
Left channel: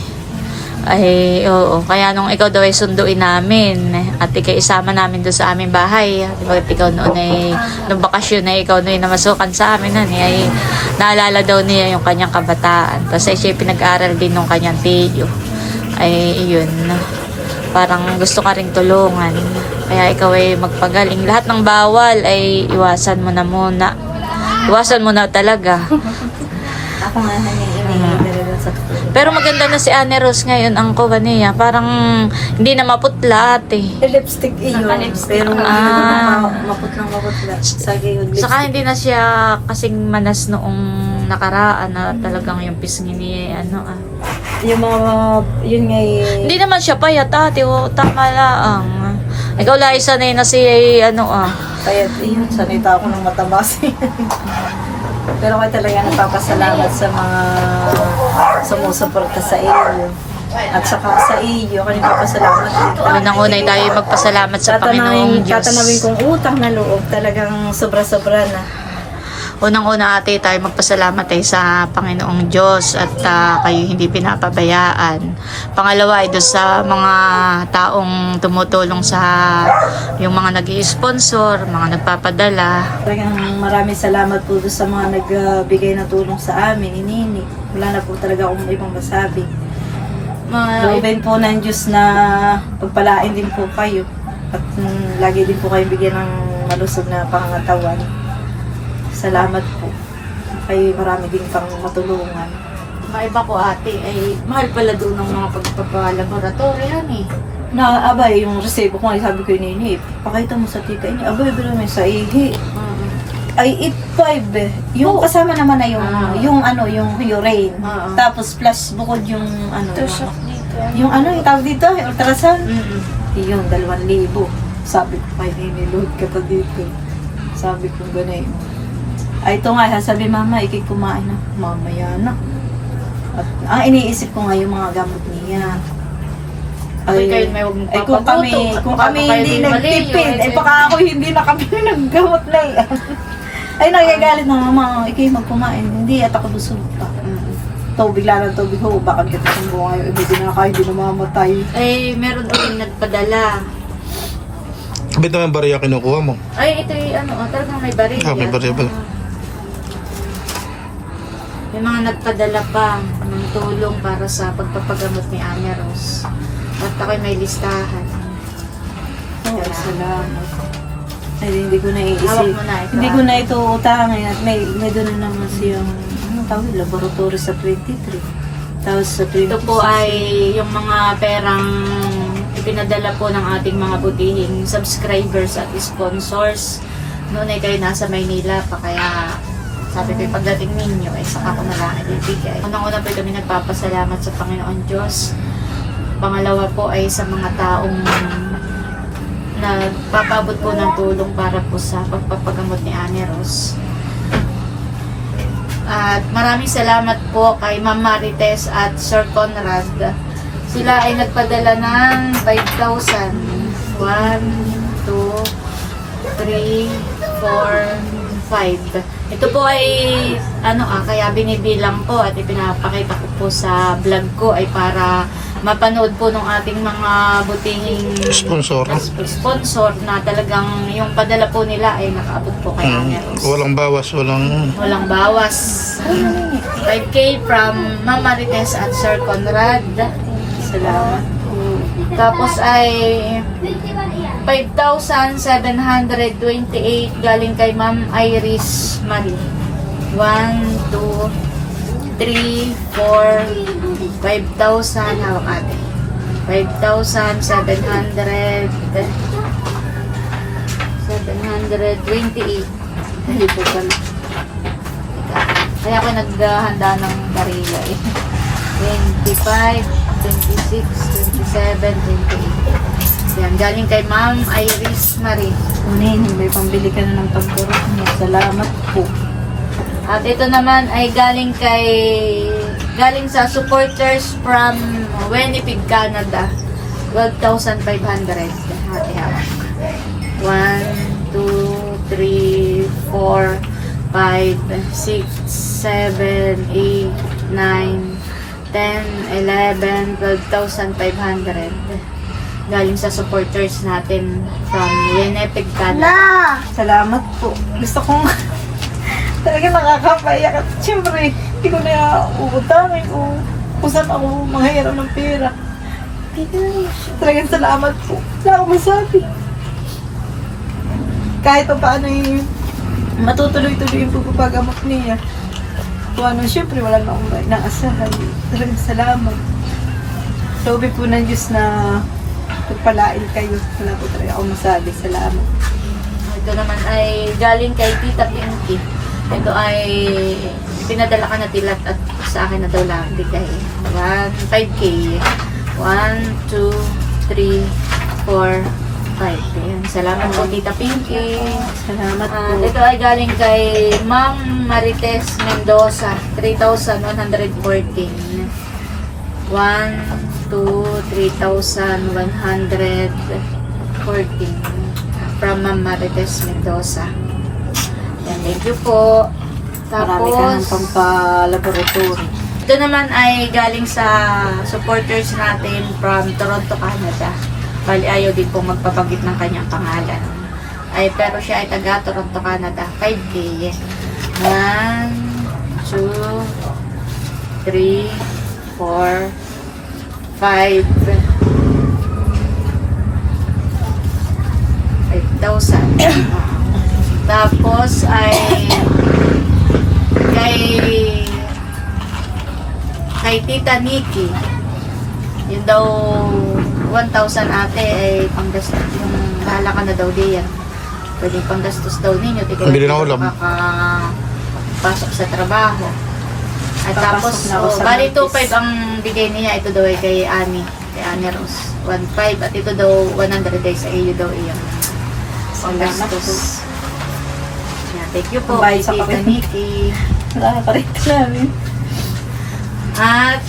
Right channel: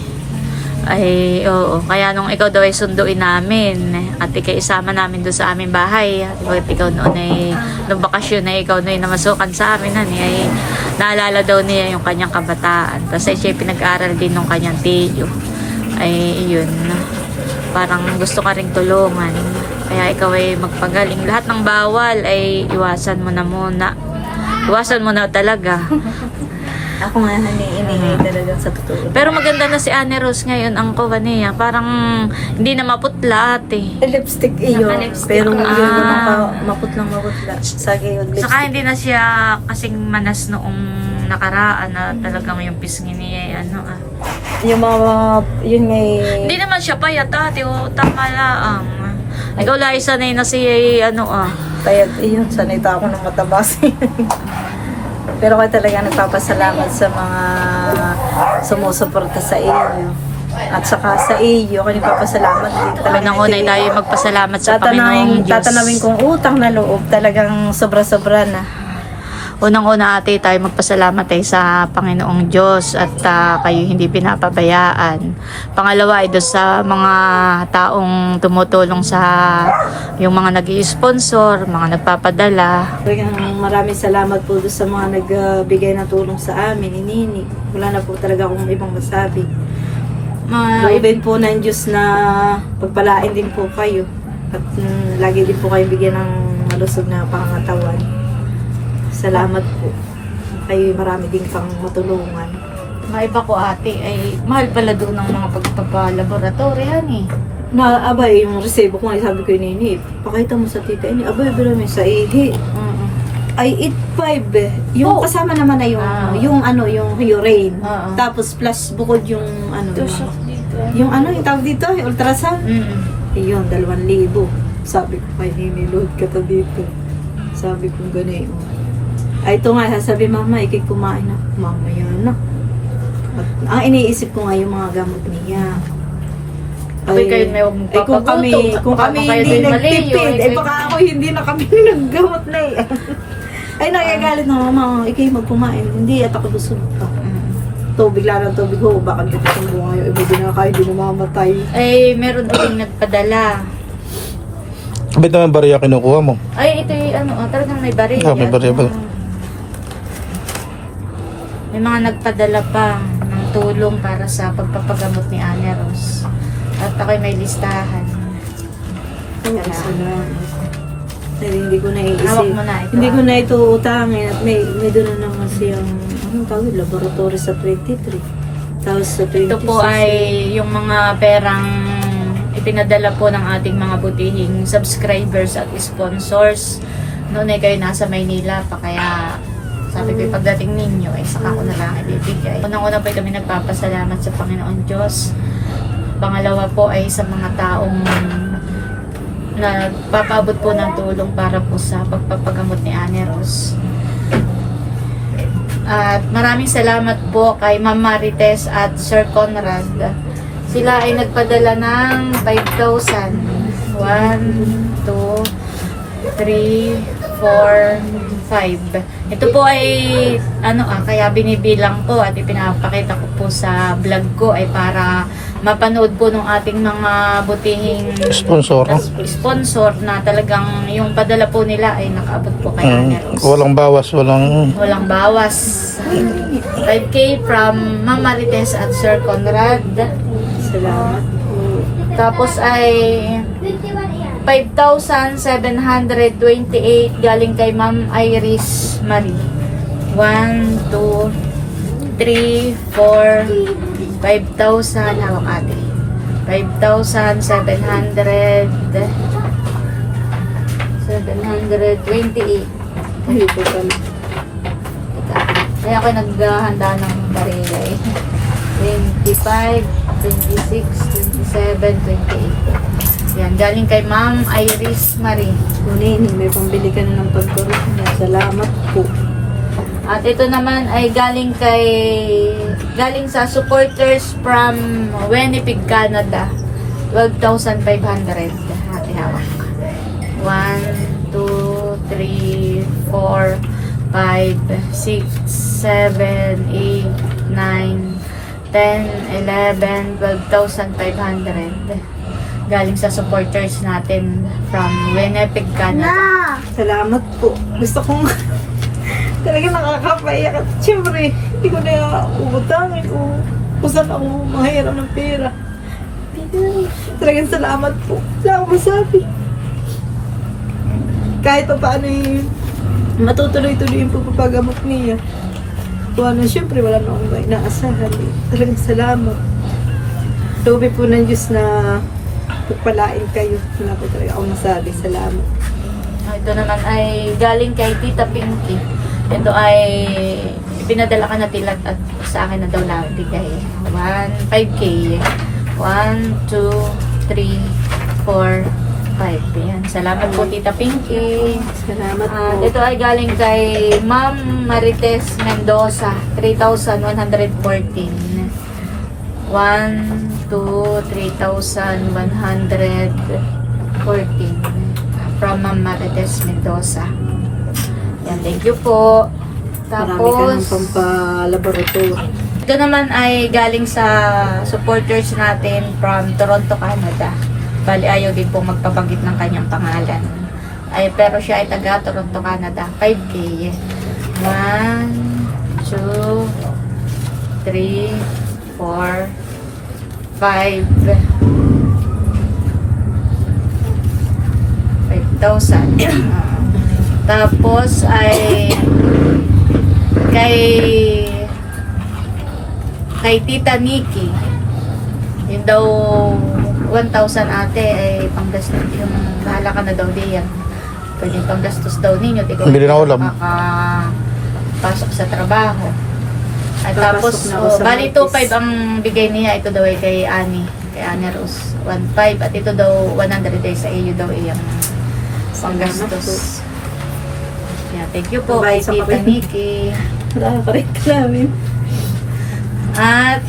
Ay, oo. Kaya nung ikaw daw ay sunduin namin at ikay isama namin doon sa aming bahay. Di ba ikaw noon ay, nung bakasyon ay ikaw noon ay namasukan sa amin ay naalala daw niya yung kanyang kabataan. Tapos ay siya pinag-aral din ng kanyang tiyo. Ay, yun. Parang gusto ka ring tulungan. Kaya ikaw ay magpagaling. Lahat ng bawal ay iwasan mo na muna. Iwasan mo na talaga. Ako nga nangiinigay talaga sa totoo. Pero maganda na si Anne Rose ngayon ang kuha niya. Parang hindi na maputla ate. Lipstick iyo. Naka-lipstick. Pero maputlang maputla. Sagay yung lipstick. Saka hindi na siya kasing manas noong nakaraan na talagang yung pisngi niya yung mga, yun nga eh. Hindi naman siya payat, ate. O, tama lang. Ikaw lang sanay na si, Kaya yun, sanita ako ng matabas. Pero kaya talaga nagpapasalamat sa mga sumusuporta sa iyo. At saka sa iyo, kaya nagpapasalamat. Unang-unay tayo magpasalamat sa Panginoong Diyos. Tatanawin kong utang na loob, talagang sobra-sobra na. Unang-una ate tayo magpasalamat sa Panginoong Diyos at kayo hindi pinapabayaan. Pangalawa ay doon sa mga taong tumutulong sa yung mga nag-i-sponsor, mga nagpapadala. Talagang maraming salamat po doon sa mga nagbigay ng tulong sa amin, inini. Wala na po talaga akong ibang masabi. Loobin po ng Diyos na pagpalain din po kayo. At lagi din po kayo bigyan ng malusog na pangangatawan. Salamat po. Kayo marami din kang matulungan. Maiba ko ate ay mahal pala doon ng mga pagpapalaboratoryan Naabay yung resibo ko, sabi ko yun, pakita mo sa tika, abay bilo may sa ihi. Ay 8.5 eh. Yung kasama naman na yung urine. Tapos plus bukod yung yung yung tawag dito, ultrasound. Yun, 2,000. Sabi ko kay niload ka to dito. Sabi ko gano'n. Ay ito nga, sabi mama, ikay kumain na. Mamaya na. At iniisip ko nga yung mga gamot niya. Ay, may huwag mong kung kami hindi nagtipid, baka ako hindi na kami naggamot na eh. Ay, nagagalit na mama, ikay magkumain. Hindi, at ako busog pa. Tubig lang ng tubig ho, bakit ka sa buwan ngayon, iba din na kayo, hindi namamatay. Ay, meron din nagpadala. Kapit naman bariya kinukuha mo. Ay, ito talagang may bariya. May bariya ba? May mga nagpadala pa ng tulong para sa pagpapagamot ni Ane Rose. At ako'y may listahan. Salamat. Ay, hindi ko naiisip. Hawak mo na ito, Hindi ko na ito utangin at may doon na naman siyang tawag, laboratory sa 23. Tapos sa 26. Ito po ay yung mga perang ipinadala po ng ating mga butihing subscribers at sponsors. Noon ay kayo nasa Maynila pa, kaya sabi ko pagdating ninyo ay saka ko na lang ibibigay. Unang-una po kami nagpapasalamat sa Panginoon Diyos. Pangalawa po ay sa mga taong nagpapabot po ng tulong para po sa pagpapagamot ni Ane Rose. At maraming salamat po kay Ma'am Marites at Sir Conrad. Sila ay nagpadala ng 5,000. 1, 2, 3, 4, 5. Ito po ay kaya binibilang ko at ipinapakita ko po sa vlog ko ay para mapanood po ng ating mga butihing sponsor na talagang yung padala po nila ay nakaabot po kay Ane Rose. Walang bawas, Walang bawas. 5K from Mama Marites at Sir Conrad. Salamat po. Tapos ay 5,728 galing kay Ma'am Iris Marie. 1, 2, 3, 4, 5,000 hawak ate. 728. Dito pala. Kaya ako naghahanda ng barila eh. 25, 26, 27, 28. Yan, galing kay Ma'am Iris Marie. Kunin, may pambili ka na ng pagturok niya. Salamat po. At ito naman ay galing sa supporters from Winnipeg, Canada. 12,500. Hati hawak. 1, 2, 3, 4, 5, 6, 7, 8, 9, 10, 11, 12,500. Galing sa supporters natin from Winnipeg, Canada. Salamat po. Gusto kong talaga nakakapayak at syempre hindi ko na uutangin o kung saan ako mahiram ng pera. Talagang salamat po. Wala akong masabi. Kahit pa paano matutuloy-tuloy yung pagpapagamot niya. Kung syempre wala na akong inaasahan. Talagang salamat. Sabi po ng Diyos na pagpalain kayo. Wala po talaga akong masabi. Salamat. Ito naman ay galing kay Tita Pinky. Ito ay pinadala ka na tilat at sa akin na daw lang bigay. 5K. 1, 2, 3, 4, 5. Yan. Salamat po, Tita Pinky. Salamat At po. ito ay galing kay Ma'am Marites Mendoza, 3,114. 1, 2, 3,114 from Ma'am Marites Mendoza. Yan, thank you po. Marami ka ng Tapos, pampalaboratory. ito naman ay galing sa supporters natin from Toronto, Canada. Bali, ayaw din po magpabanggit ng kanyang pangalan. Pero siya ay taga Toronto, Canada. 5K. 1, 2, 3, 4, 5. 5,000. Tapos ay kay Tita Nikki. Yun daw 1,000 ate ay panggastos. Kung bahala ka na daw diyan. Pwede panggastos daw ninyo. Bili ng ulam. Pasok sa trabaho. At tapos, Papasok na ako sa bali Martes. 2,500 ang bigay niya. Ito daw ay kay Annie. Kay Annie Rose. 1,500. At ito daw 100 days sa iyo daw iyang panggastos. Yeah, thank you po kay Pambayad sa Tita papel. Nikki. Nakakarit namin. At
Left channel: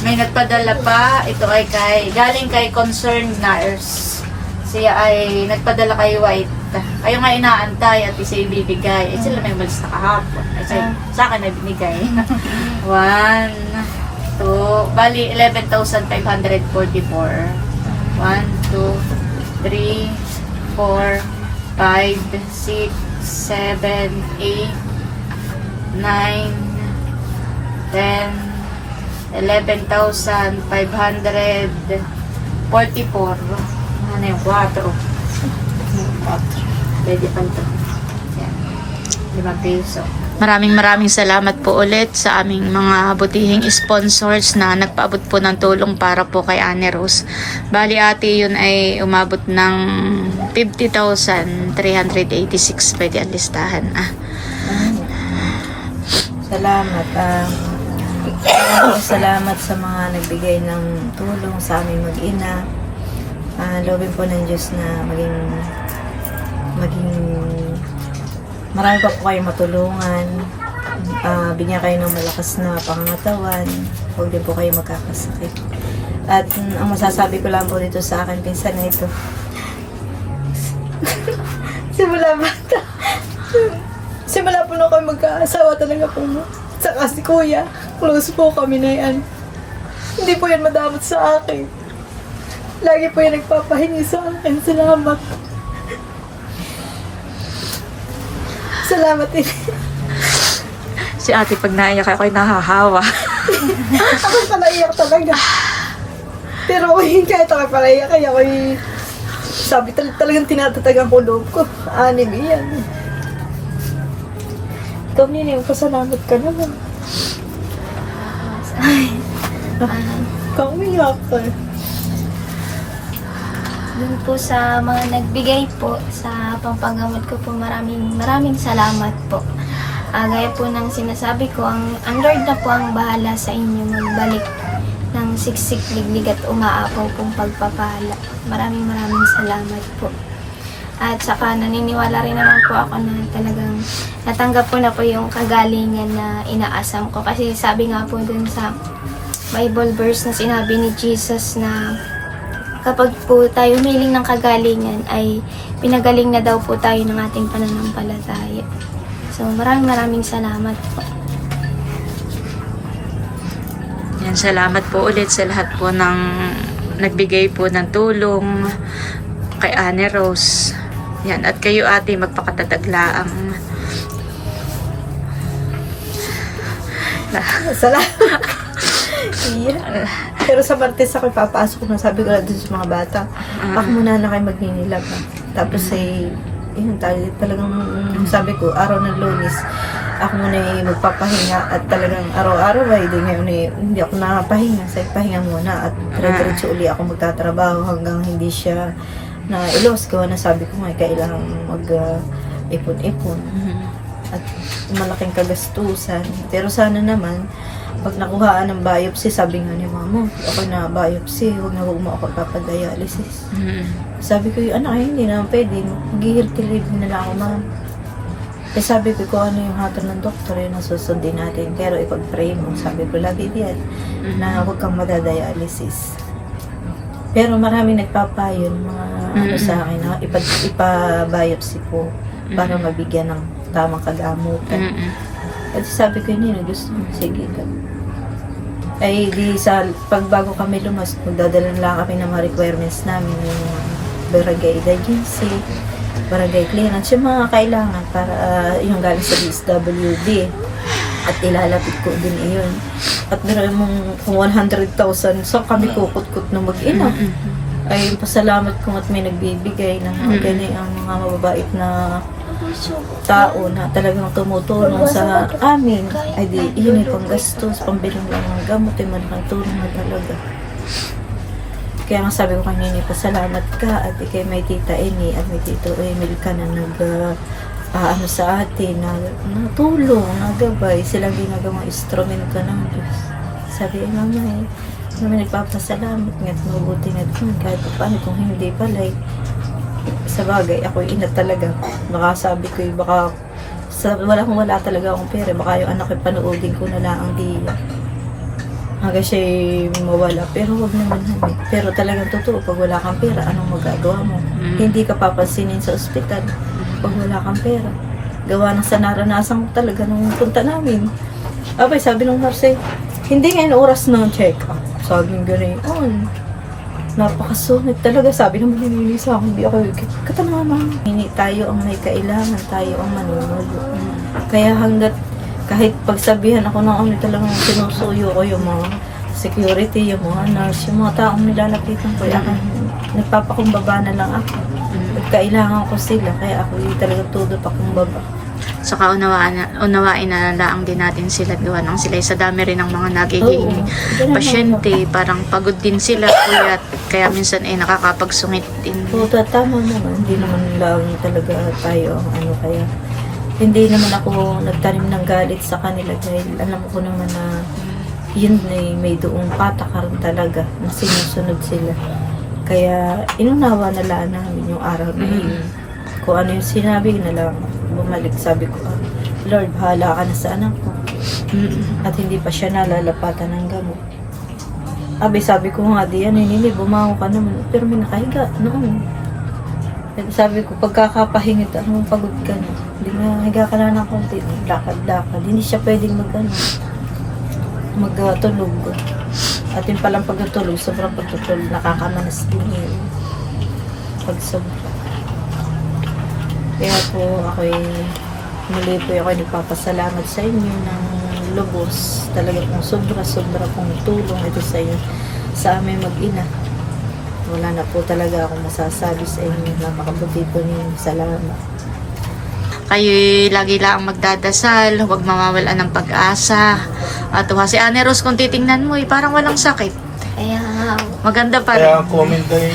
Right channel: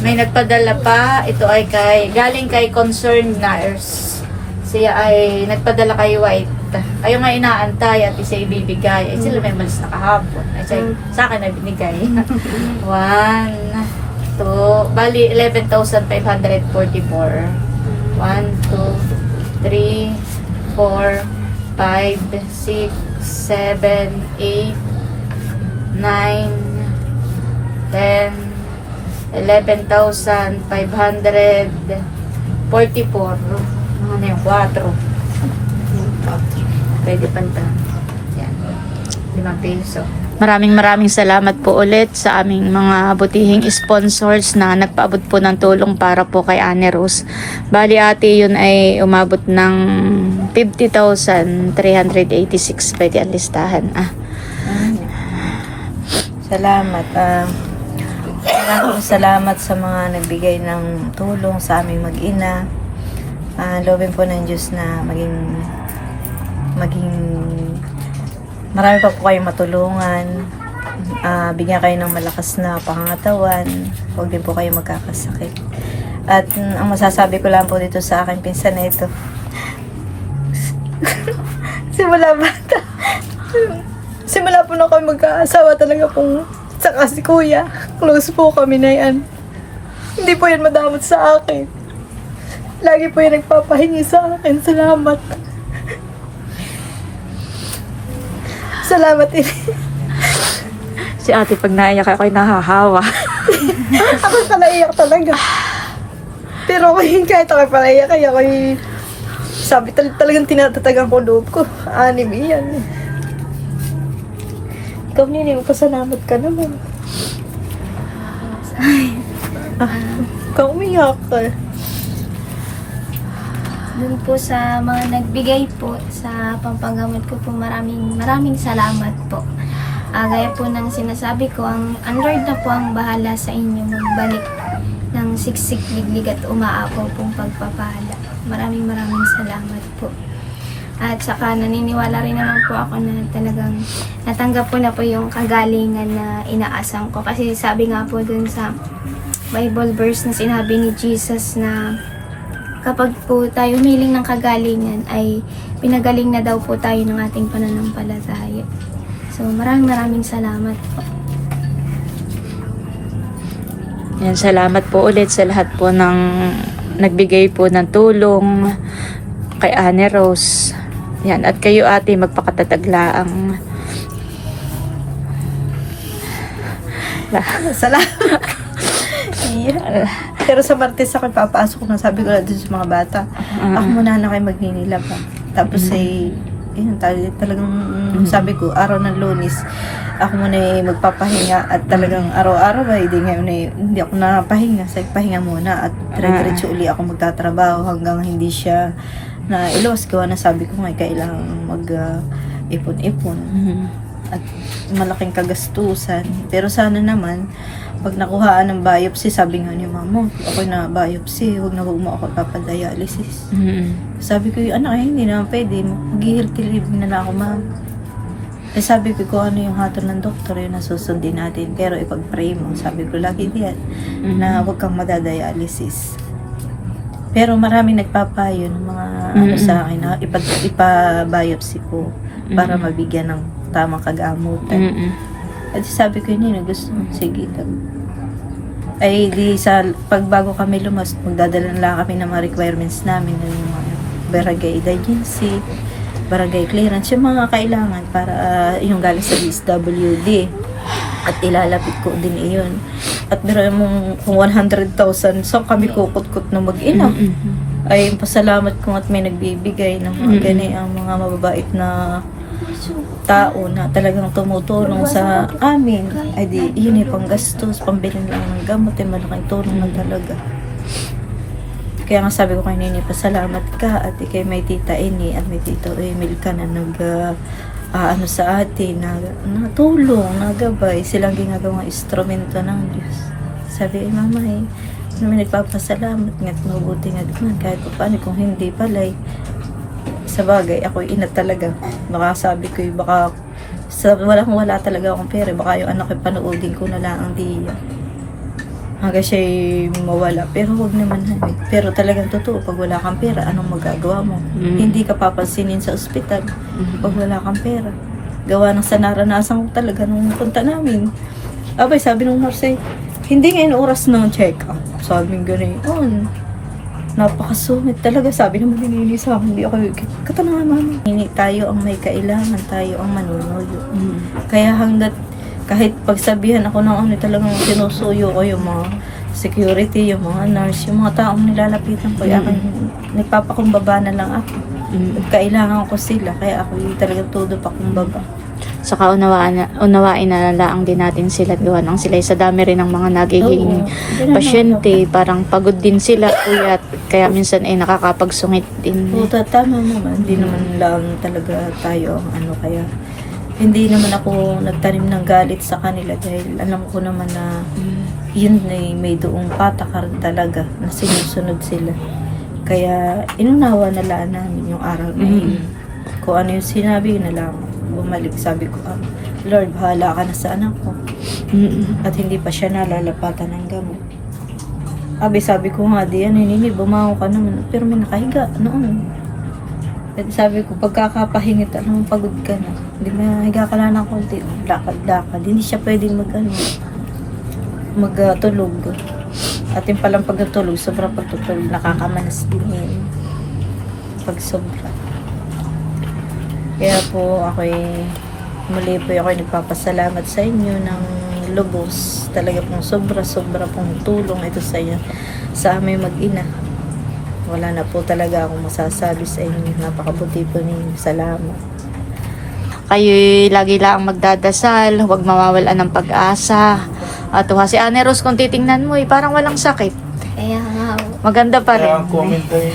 may nagpadala pa, ito ay galing kay Concerned Nurse. Siya ay nagpadala kay White. Kayo nga inaantay at isa ibibigay. Sila may malis na kahapon. Sa akin ay binigay. 1, 2, bali 11,544. 1, 2, 3, 4, 5, 6, 7, 8, 9, 10, 11,544. Ano yung 4? Pwede pa ito. Yan. 5 peso. Maraming salamat po ulit sa aming mga butihing sponsors na nagpaabot po ng tulong para po kay Annie Rose. Bali ate yun ay umabot ng 50,386. Pwede ang listahan. Salamat. Salamat sa mga nagbigay ng tulong sa aming mag-ina. Loobin po ng Diyos na maging marami pa po kayong matulungan. Bigyan kayo ng malakas na pangangatawan. Huwag din po kayo magkakasakit. At ang masasabi ko lang po dito sa akin, pinsan na ito. Simula po na kami magkaasawa talaga pong saka si kuya. Close po kami na yan. Hindi po yan madamot sa akin. Lagi po yan nagpapahingi sa akin. Salamat. Salamat din. Si ate pag naiyak ako'y nahahawa. Ako ka naiyak talaga. Pero kahit ako palaiyak, kaya ako'y sabi talagang tinatatagan ko loob ko. Anime yan. Ikaw Nini, pasalamat ka naman. Ikaw umiyak ka. Dun po sa mga nagbigay po sa pampagamot ko po, maraming salamat po. Gaya po ng sinasabi ko, ang Lord na po ang bahala sa inyo magbalik ng siksik, liglig at umaapaw pong pagpapala. Maraming salamat po. At saka naniniwala rin naman po ako na talagang natanggap ko na po yung kagalingan na inaasam ko. Kasi sabi nga po dun sa Bible verse na sinabi ni Jesus na kapag po tayo humiling ng kagalingan ay pinagaling na daw po tayo ng ating pananampalataya. So maraming salamat po. Yan, salamat po ulit sa lahat po ng nagbigay po ng tulong kay Annie Rose. Yan, at kayo ate magpakatataglaang. Salamat. Yeah. Pero sa Martes ako papasok na, sabi ko na dun sa mga bata. Ako muna na kayo magninilab ha. Tapos yun, talagang sabi ko, araw ng Lunes, ako muna magpapahinga at talagang araw-araw ay hindi ako napahinga. Sa pahinga muna at dire-diretso uli ako magtatrabaho hanggang hindi siya na ilos. Gawa na sabi ko nga, kailangan mag-ipon-ipon. at malaking kagastusan. Pero sana naman, pag nakuhaan ng biopsy, sabi nga ni mama, ako na biopsy, huwag mo ako papadialysis. Sabi ko, anak, hindi naman pwede. Mag-healthy living na lang ako, ma'am. Kasi sabi ko, kung ano yung hatol ng doktor, yun ang susundin natin. Pero ipag-pray mo, sabi ko lagi diyan, na huwag kang madadialysis. Pero maraming nagpapayo ng mga ano sa akin, na ipa-biopsy ko para mabigyan ng tamang kagamutan. At sabi ko, hindi na gusto mo, sige daw. Ay di sa pagbago kami lumas, magdadala na lang kami ng mga requirements namin ng mga barangay agency, barangay clearance, yung mga kailangan para yung galing sa DSWD. At ilalapit ko din iyon. At meron mong kung 100,000, so kami kukut-kut na mag-ina. Ay pasalamat ko at may nagbibigay ng mga gani ang mga mababait na tao na talagang tumutulong sa amin. Ay di, yun yung panggastos, pambiling lang ng gamot, ay malaking tulong na talaga. Kaya nga sabi ko kay Nini, pasalamat ka at ikay may tita Ini at may tito Emil ka na ano sa atin, natulong, nagabay, silang ginagawang instrumento ng Diyos. Sabi, mama namin nagpapasalamat nga't mabuti nga naman kahit pa paano kung hindi pala'y sa bagay, ako ina talaga. Baka sabi ko, baka wala talaga akong pera, baka yung anak ko panoodin ko na lang ang diya. Hanggang siya'y mawala. Pero huwag naman habi. Pero talagang totoo, pag wala kang pera, anong magagawa mo? Hindi ka papansinin sa ospital pag wala kang pera. Gawa ng sa naranasan ko talaga nung punta namin. Abay, sabi nung nurse, hindi ngayon oras ng check-up. Sabi ng gano'n, napakasungit talaga. Sabi naman ni Nini sa akin, hindi ako, katanungan mama. Hindi tayo ang may kailangan, tayo ang manunuyo. Kaya hanggat kahit pagsabihan ako ng ano talagang sinusuyo ko yung mga security, yung mga nurse, yung mga taong nilalapitan ko, nagpapakumbaba na lang ako. At kailangan ko sila, kaya ako talagang todo pakumbaba. Saka unawain na lang din natin sila, gawa ng sila sa dami rin ng mga nagiging pasyente, parang pagod din sila, kuya, kaya minsan ay nakakapagsungit din. Oo, tama naman, hindi naman lang talaga tayo ang kaya hindi naman ako nagtanim ng galit sa kanila dahil alam ko naman na yun ay may doong patakaran talaga na sinusunod sila. Kaya inunawa na lang namin yung araw na yun. Kung ano yung sinabi na lang, bumalik. Sabi ko, Lord, bahala ka na sa anak ko. At hindi pa siya nalalapatan ng gamot. Sabi ko nga, di yan, Nini, bumangon ka naman. Pero may nakahiga noon. Sabi ko, pagkakapahingit, pagod ka na. Hindi na, higa ka na ng konti. Lakad-lakad. Hindi siya pwedeng magtulog. At yung palang pagtulog, sobrang pagtutulog, nakakamanas din yun. Pag sobra. Kaya po, muli po ako nagpapasalamat sa inyo ng lubos. Talaga pong sobra-sobra pong tulong ito sa inyo, sa aming mag-ina. Wala na po talaga akong masasabi sa inyo. Napakabuti po ninyo. Salamat. Kayo'y lagi lang magdadasal, huwag mawawalan ng pag-asa. At si Ane Rose, kung titingnan mo, parang walang sakit. Kaya nga, Maganda pa rin. Kaya ang comment ay,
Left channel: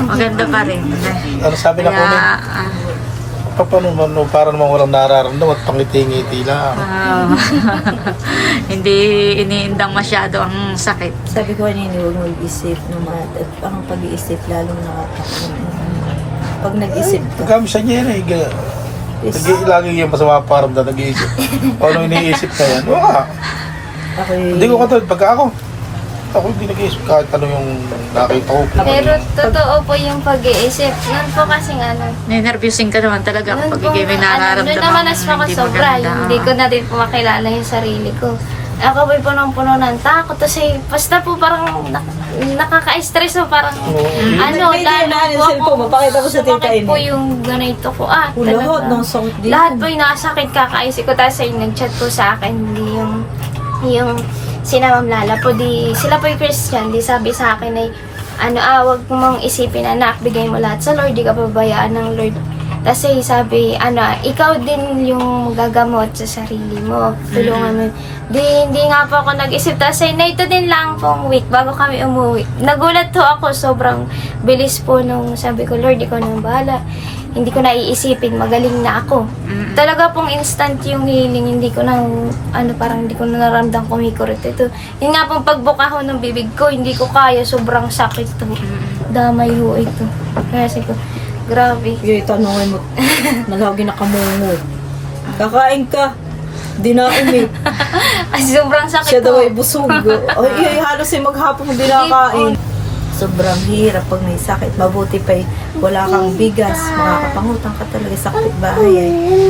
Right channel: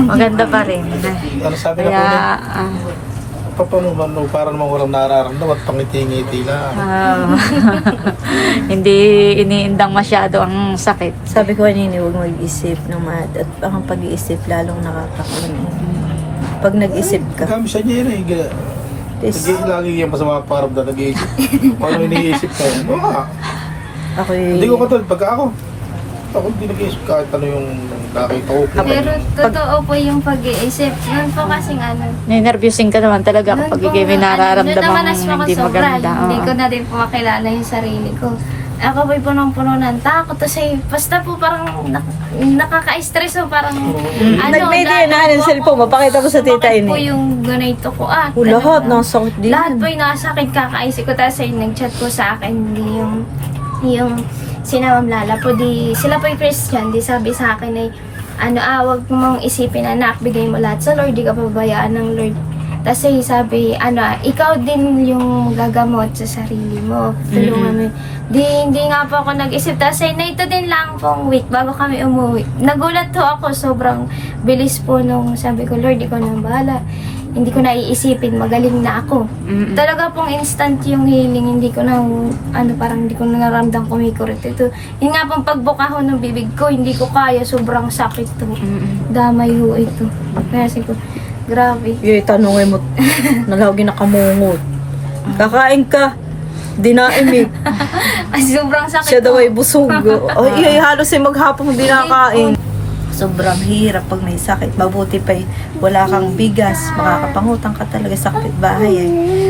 Maganda pa rin. ano sabi na Kaya, po, paano parang naman walang nararamdaman at pangiti-ngiti lang. hindi iniindang masyado ang sakit. Sabi ko kanina, huwag mo i-isip naman. At ang pag-iisip lalong nakakakaroon. Pag nag-isip ka, Kami sa Jerry, lagi yung masama parang na nag-iisip. Paano iniisip na yan? Wala. Hindi ko katulad, pagka ako hindi nag-iisip kahit ano yung nakita ko. pero totoo po yung pag-iisip. Noon po kasing Nervyusin ka naman talaga kapag may nararamdaman namalas po ako hindi sobra. maganda. Hindi ko na din po makilala yung sarili ko. Ako po'y punong-puno ng takot kasi basta po parang nakaka-stress po parang nag-media na ng cellphone mo, pakita mo sa tita Bakit po Ini. yung ganito ko Lahat ng sakit din. lahat po yung nakasakit kakaisip ko. Tapos ay nag-chat po sa akin yung sina Ma'am Lala po, sila po yung Christian, sabi sa akin ay wag mong isipin anak, bigay mo lahat sa Lord, di ka pabayaan ng Lord. Kasi sabi, ikaw din yung gagamot sa sarili mo. Tulungan mo. Hindi nga po ako nag-isip. Tapos na ito din lang pong week bago kami umuwi. Nagulat po ako. Sobrang bilis po nung sabi ko, Lord, ikaw nang bahala. hindi ko na iisipin, magaling na ako. Talaga pong instant yung healing, hindi ko na, parang hindi ko na naramdam kumikurit ito. Yun nga pong pagbuka ho ng bibig ko, hindi ko kaya, sobrang sakit to. Damay ho ito. Kaya sabi ko, grabe. Yung tanongin mo, nalagi na kamungot. Kakain ka, dinaimik. Sobrang sakit Siya daw po. ay busog. Ay, halos ay maghapong di nakain. Sobrang hirap pag may sakit. Mabuti pa wala kang bigas, makakapangutang ka talaga sa kapitbahay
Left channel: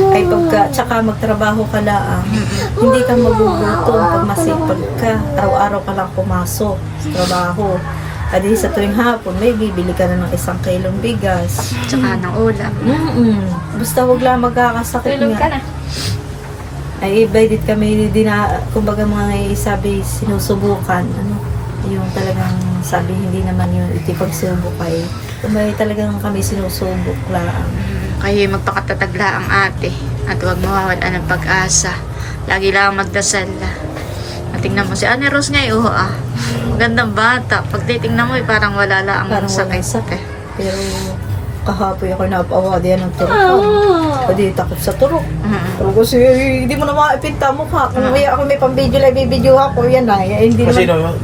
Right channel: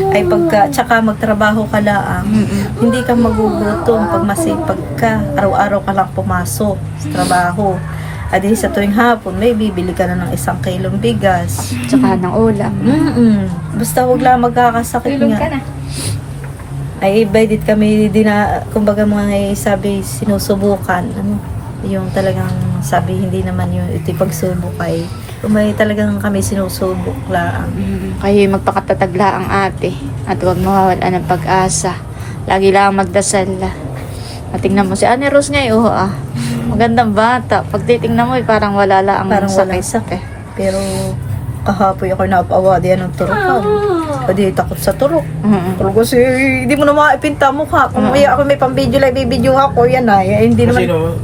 ay tsaka magtrabaho ka lang, hindi ka magugutom pag masipag ka, araw-araw ka lang pumasok sa trabaho. Adi sa tuwing hapon, may bibili ka na ng 1 kilong bigas. Tsaka ng ulam. Basta wag lang magkakasakit Tulog ka nga. na. Ay iba kami kumbaga mga sabi sinusubukan yung talagang sabi hindi naman yung iti pagsubok ay kumbaga talagang kami sinusubok lang. Kayo magpakatatagla ang ate at huwag mawawala ng pag-asa. Lagi lang magdasal. Tingnan mo si Ane Rose ngayon, magandang bata. Pag titingnan mo, parang wala lang ang Parang walang sakit. Pero kahapoy ako napaawa diyan ng turukan. Pwede takot sa turok. Pero kasi hindi mo na maipinta mukha. Kung ako may pang-video live, bibidyo ako, yan ay hindi Kasi naman.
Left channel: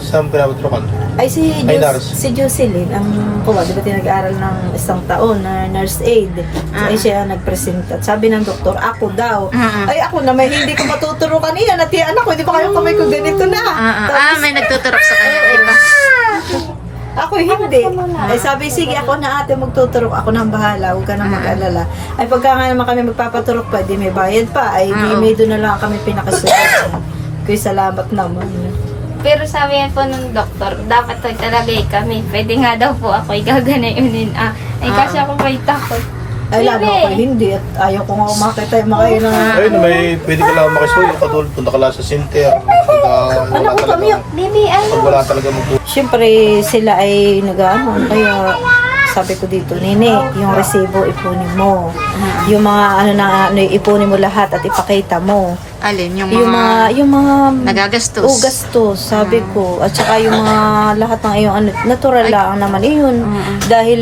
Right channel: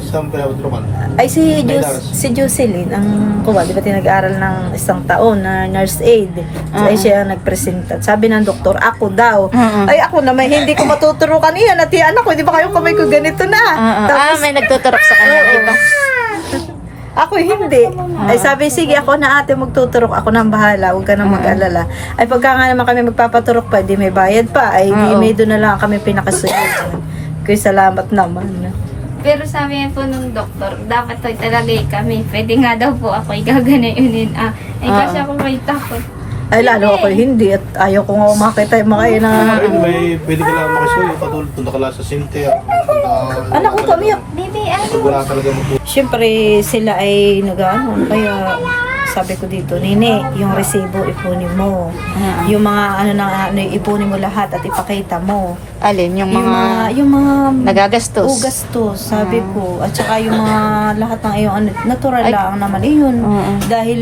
saan pinapatukan? Ay Dars. si Jocelyn, ang kuwa, di ba tinag-aaral ng 1 taon na nurse aid. So, ay siya ang nagpresenta. Sabi ng doktor, ako daw. Ay ako naman, hindi ko matuturukan iyan. At yan ako, di ba kayo kamay ko ganito na? Tapos, May nagtuturok sa kanya. Iba. ako hindi. Ay sabi, sige ako na ate magtuturok. Ako nang bahala, huwag ka nang mag-alala. Ay pagka nga naman kami magpapaturok pa, di may bayad pa. Ay di may doon na lang kami pinakasunod. Kuya salamat naman. Pero sabi yan po ng doktor, dapat to talaga kami. Pwede nga daw po ako igaganayonin. Ay kasi ako may takot. Ay lalo ako hindi. At ayaw ko nga makita yung mga na... Ayun, pwede ka lang makisuyo. Katulad punta ka lang sa Cynthia. Anak ko pamiyak. Baby, Pag wala talaga mag- Siyempre sila ay nag-ano. Kaya sabi ko dito, Nene, yung resibo ipunin mo. Yung mga ipunin mo lahat at ipakita mo. Alin, yung Yung mga nagagastos. gastos, sabi ko. At saka yung mga lahat ng iyong natural lang naman yun. Dahil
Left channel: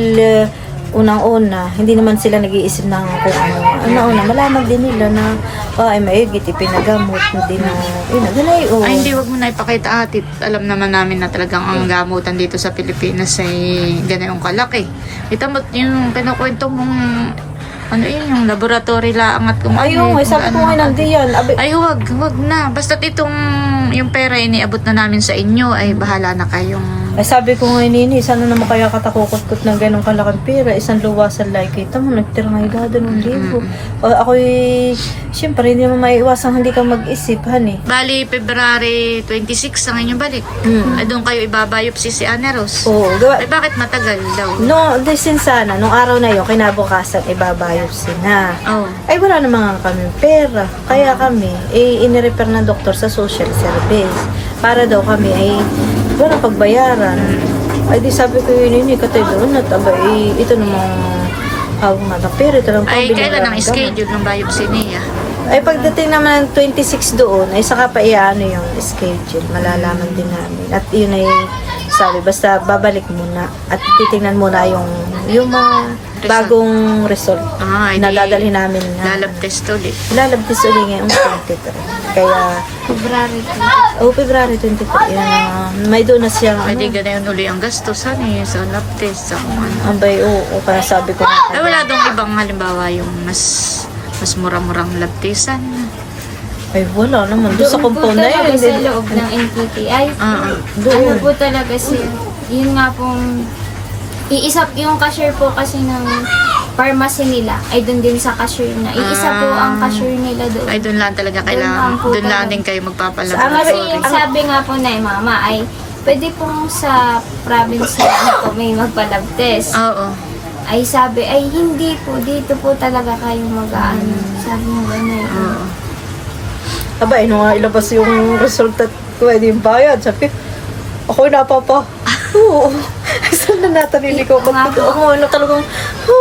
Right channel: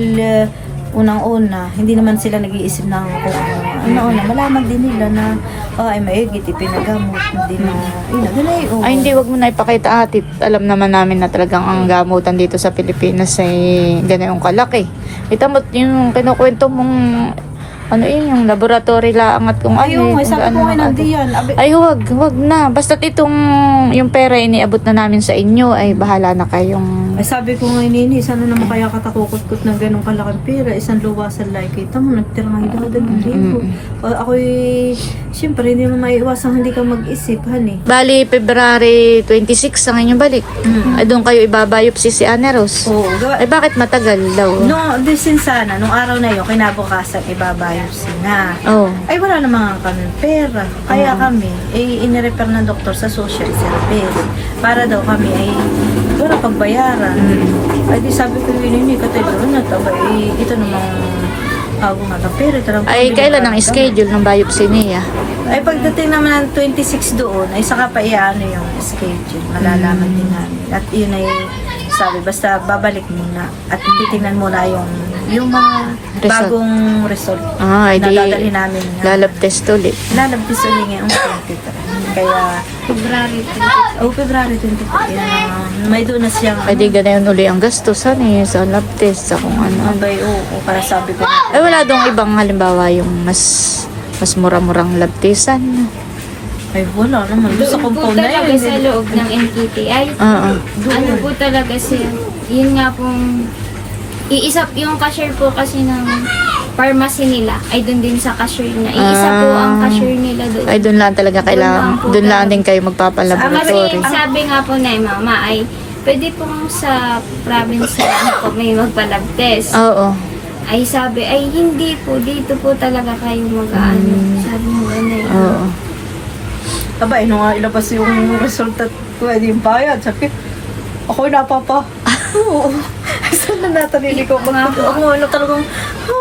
unang-una, hindi naman sila nag-iisip ng kung ano. Una-una, malaman din nila na ay maigit, ipinagamot. Hindi na, ganay. Ay, hindi, wag mo na ipakita ate. Alam naman namin na talagang ang gamutan dito sa Pilipinas ay ganayong kalaki. Ito mo, yung kinukwento mong yung laboratory lang at kung Ayun, kung sabi ko nga ate. nandiyan. Ay, wag na. Basta't yung pera iniabot na namin sa inyo, ay bahala na kayong... Sabi ko nga Nini, sana naman kaya katakukot-kot ng ganong kalaking pera, isang luwasan like kita mo, nagtira nga yung ng libo. Ako'y, siyempre, hindi mo maiiwasang hindi ka mag-isip, honey. Bali, February 26 ang inyong balik. Ay, doon kayo ibabayop si Ana Rose. Oo, Eh, bakit matagal daw? no, desin sana, nung araw na yun, kinabukasan, ibabiopsy na. Oh. Ay, wala naman kami pera. Kaya kami, inirefer ng doktor sa social service. Para daw kami ay wala pagbayaran. Ay, di sabi ko yun, katulad na taba, ito namang habang ng pera. Ay, kailan ang schedule ng biopsy niya? Ay, pagdating naman ng 26 doon, ay saka pa iano yung schedule. Malalaman din namin. At yun ay sabi, basta babalik muna. At titingnan muna yung mga bagong result Ah, na dadalhin namin. lalab test ulit. Lalabtis ulit ngayong 23. Kaya, February 20. February 23. May doon na siyang, Ay, di ganayan uli ang gastos. Ano yun sa lab test, sa kung ano. abay, kaya sabi ko. Ay, wala doon ibang halimbawa yung mas mura-murang lab test. Ano? Ay, wala naman. Doon sa Doon po compound na talaga yun. sa loob ng NTTI. Ano po talaga yun nga pong, yung cashier po kasi ng pharmacy nila ay doon din sa cashier na. Iisa po ang cashier nila doon. Ay, doon lang talaga kailangan. po Doon lang talaga. din kayo Kasi magpapalaboratory. sabi nga po na mama ay pwede pong sa province na po may magpa-lab test. Oo. Ay sabi, ay hindi po, dito po talaga kayo mag-ano. Sabi mo gano'n. Oo. Abay, nung ilabas yung resulta ko, hindi yung bayad. Sabi, ako napapa. Oo. Ay, saan na natanili ko? Oo, ano talagang,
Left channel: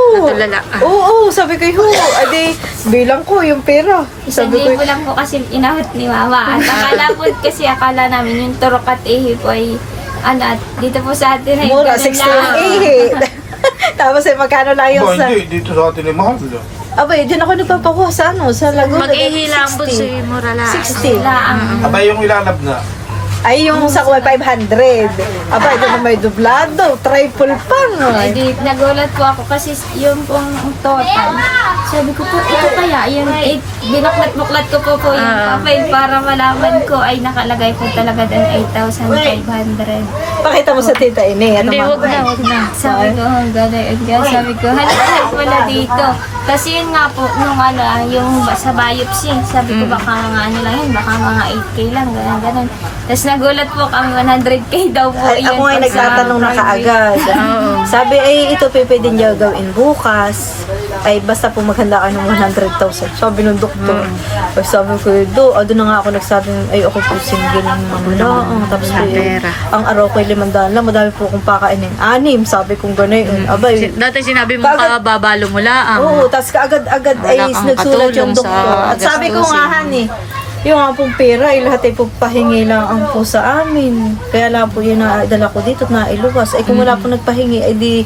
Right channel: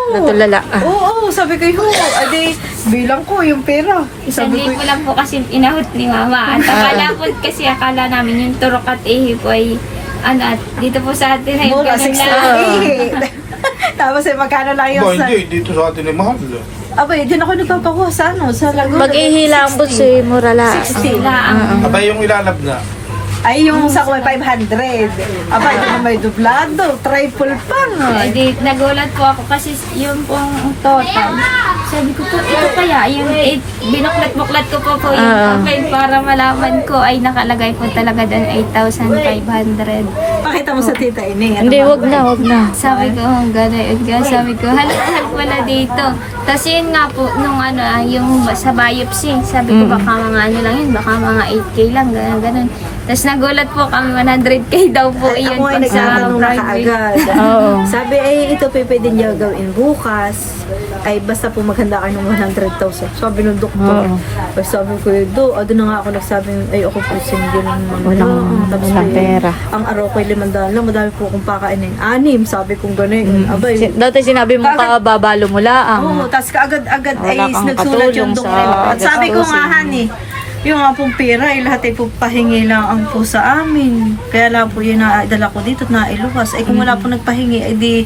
Natulala. Oo, sabi ko, ade, bilang ko yung pera. Isang Sabi ko, libo lang po kasi inahot ni mama. At akala namin yung turok at ihi po ay, at dito po sa atin ay mura ganun 6 lang. lang. Tapos magkano lang yung Ba, hindi. Dito sa atin ay mahal yun. Abay, din ako nagpapakuha sa sa Laguna. Mag-ihilang po si Morala. Sila ang Abay, yung ilalab na. Ay, yung sa kuha 500. Abay, doon may dublado, triple pa, no? Ay, di, nagulat po ako kasi yung pong total. Sabi ko po, ito kaya, yung binaklat-buklat ko po yung papel para malaman ko ay nakalagay po talaga doon 8,500. Pakita mo sa tita ini. Hindi, wag na. Sabi ko, gano'n yun. Sabi ko, halip pala dito. Tapos yun nga po, nung ano, yung sa biopsy, sabi ko baka mga ano lang yun, baka mga 8K lang, gano'n. Tapos nagulat po kami, 100K daw po yun. Ako ay nagtatanong na kaagad. Oo. Sabi ay ito pwede niya gawin bukas. Ay basta po maghanda ka ng 100,000. Sabi ng doktor. Ay, sabi ko, doon na nga ako nagsabi, ay ako po single ng Walang pera. Ang araw ko ay 500 lang, madami po akong pakainin. 6, sabi kong gano'n. Abay, Dati sinabi mo Kaagad- kababalo mo lang. oo, tas kaagad-agad Wala ay kang nagsulat katulong yung doktor. sa Sabi ko nga, gastusin. honey, yung nga pong pera, ay lahat ay po pahingi lang ang po sa amin. Kaya lang po yun na dala ko dito at nailuwas. Ay kung wala po nagpahingi, ay di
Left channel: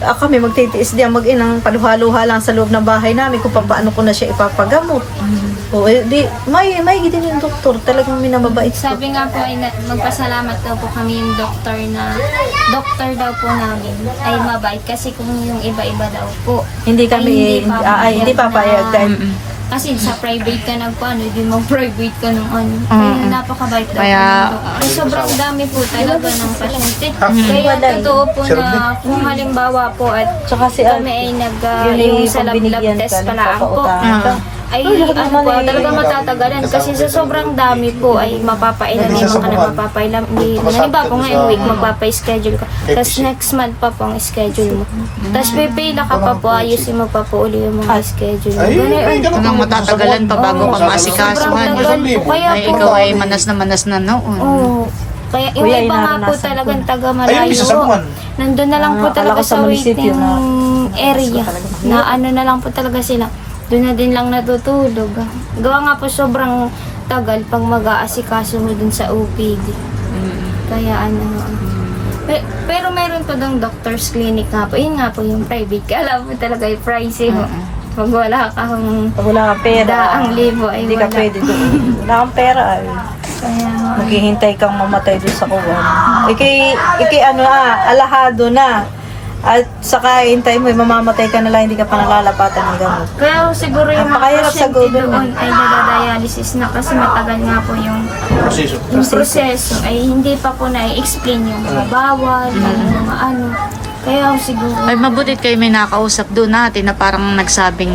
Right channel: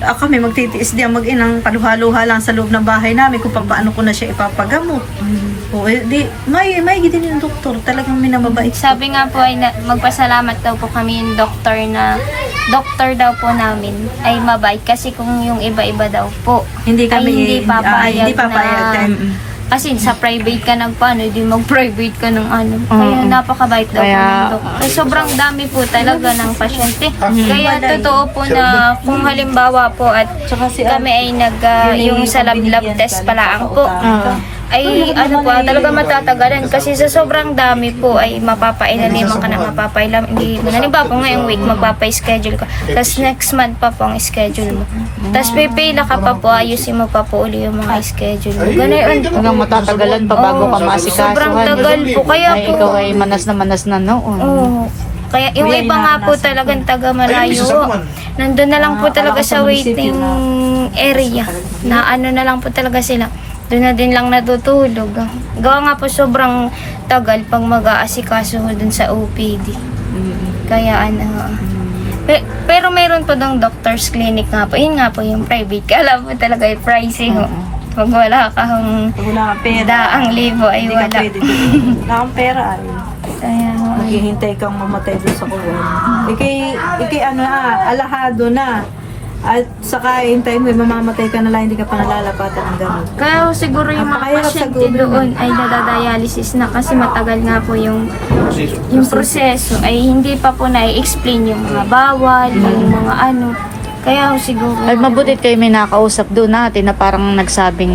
kami magtitiis diyan mag-inang kaluha-luha lang sa loob ng bahay namin kung paano ko na siya ipapagamot. O, eh, di, may din yung doktor. Talagang minamabait. Sabi nga po ay magpasalamat daw po kami yung doktor daw po namin ay mabait kasi kung yung iba-iba daw po Hindi ay kami, hindi papayag kahit kasi sa private ka nagpaano, di mag-private ka ng ano. Kaya napakabait daw Kaya- po ng doktor. Sobrang dami po talaga ng pasyente. Kaya totoo po na kung halimbawa po at Tsaka si kami ay yung sa lab test pala po. Ay ano po, talaga matatagalan kasi sa sobrang dami po ay mapapailaliman ka na mapapailam. Hindi, halimbawa po ngayong week magpapa-schedule ka. Tapos next month pa po ang schedule mo. Tapos pipila ka pa po, ayusin mo pa po uli yung mga schedule mo. Ganun. Hanggang matatagalan pa bago ka Sobrang maasikasuhan. tagal po. Kaya Ay, po, ikaw ay manas na noon. oo. Kaya yung iba nga po talagang taga Ayun, isa sa malayo. buwan. Nandun na lang po talaga sa waiting area. Na ano na lang po talaga sila. Doon na din lang natutulog. Gawa nga po sobrang tagal pag mag-aasikaso mo dun sa OPD. Kaya ano. Pero meron po dong doctor's clinic nga po. Yun nga po yung private. Kala po talaga yung pricey ho. Pag wala kang wala kang pera. daang libo ay Hindi ka wala. pwede. Wala kang pera. Ay. Kaya ho. Maghihintay kang mamatay doon sa kuwan. Ikay ano alahado na. At saka hintay mo, mamamatay ka na lang, hindi ka pa nalalapatan ng gamot. Kaya ho, siguro yung mga Napakahirap sa pasyente gulo. doon ay nadadialysis na kasi matagal nga po yung Proseso. proseso ay hindi pa po na-explain yung mga bawal, yung mga ano. Kaya ho, siguro Ay, mabutit kayo may nakausap doon natin na parang nagsabing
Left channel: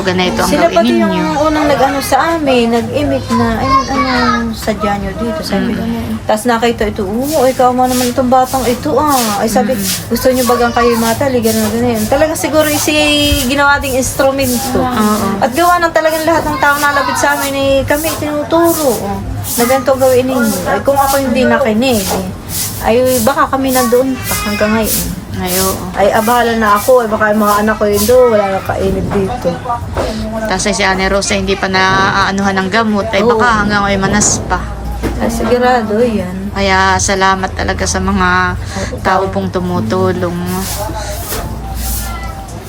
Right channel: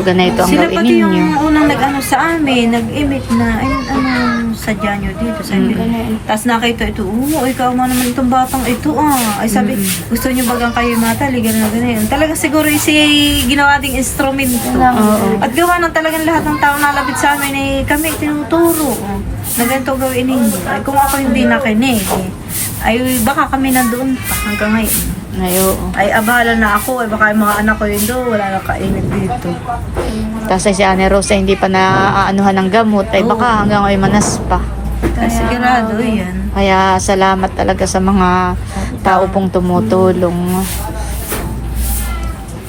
ganito ang Sila gawin pati ninyo. yung unang nag-ano sa amin, nag-emit na, ay anong sadya nyo dito, sabi ko. Tapos nakita ito, ay kaama naman itong batang ito Ay sabi, gusto nyo bagang kayo mataligan na ganyan. Talagang siguro si ginawa ding instrumento. Oo. At gawa ng talagang lahat ng tao nalapit sa amin ay kami tinuturo. Na ganito gawin ninyo. Ay kung ako hindi nakinig, ay baka kami nandoon pa hanggang ngayon. Ay, oo. Ay abala na ako, ay baka yung mga anak ko yun doon, wala na kainib dito. Tapos ay si Ane Rosa hindi pa naaanuhan ng gamot. Ay baka hanggang ay manas pa. Ay sigurado yan. Kaya salamat talaga sa mga tao pong tumutulong.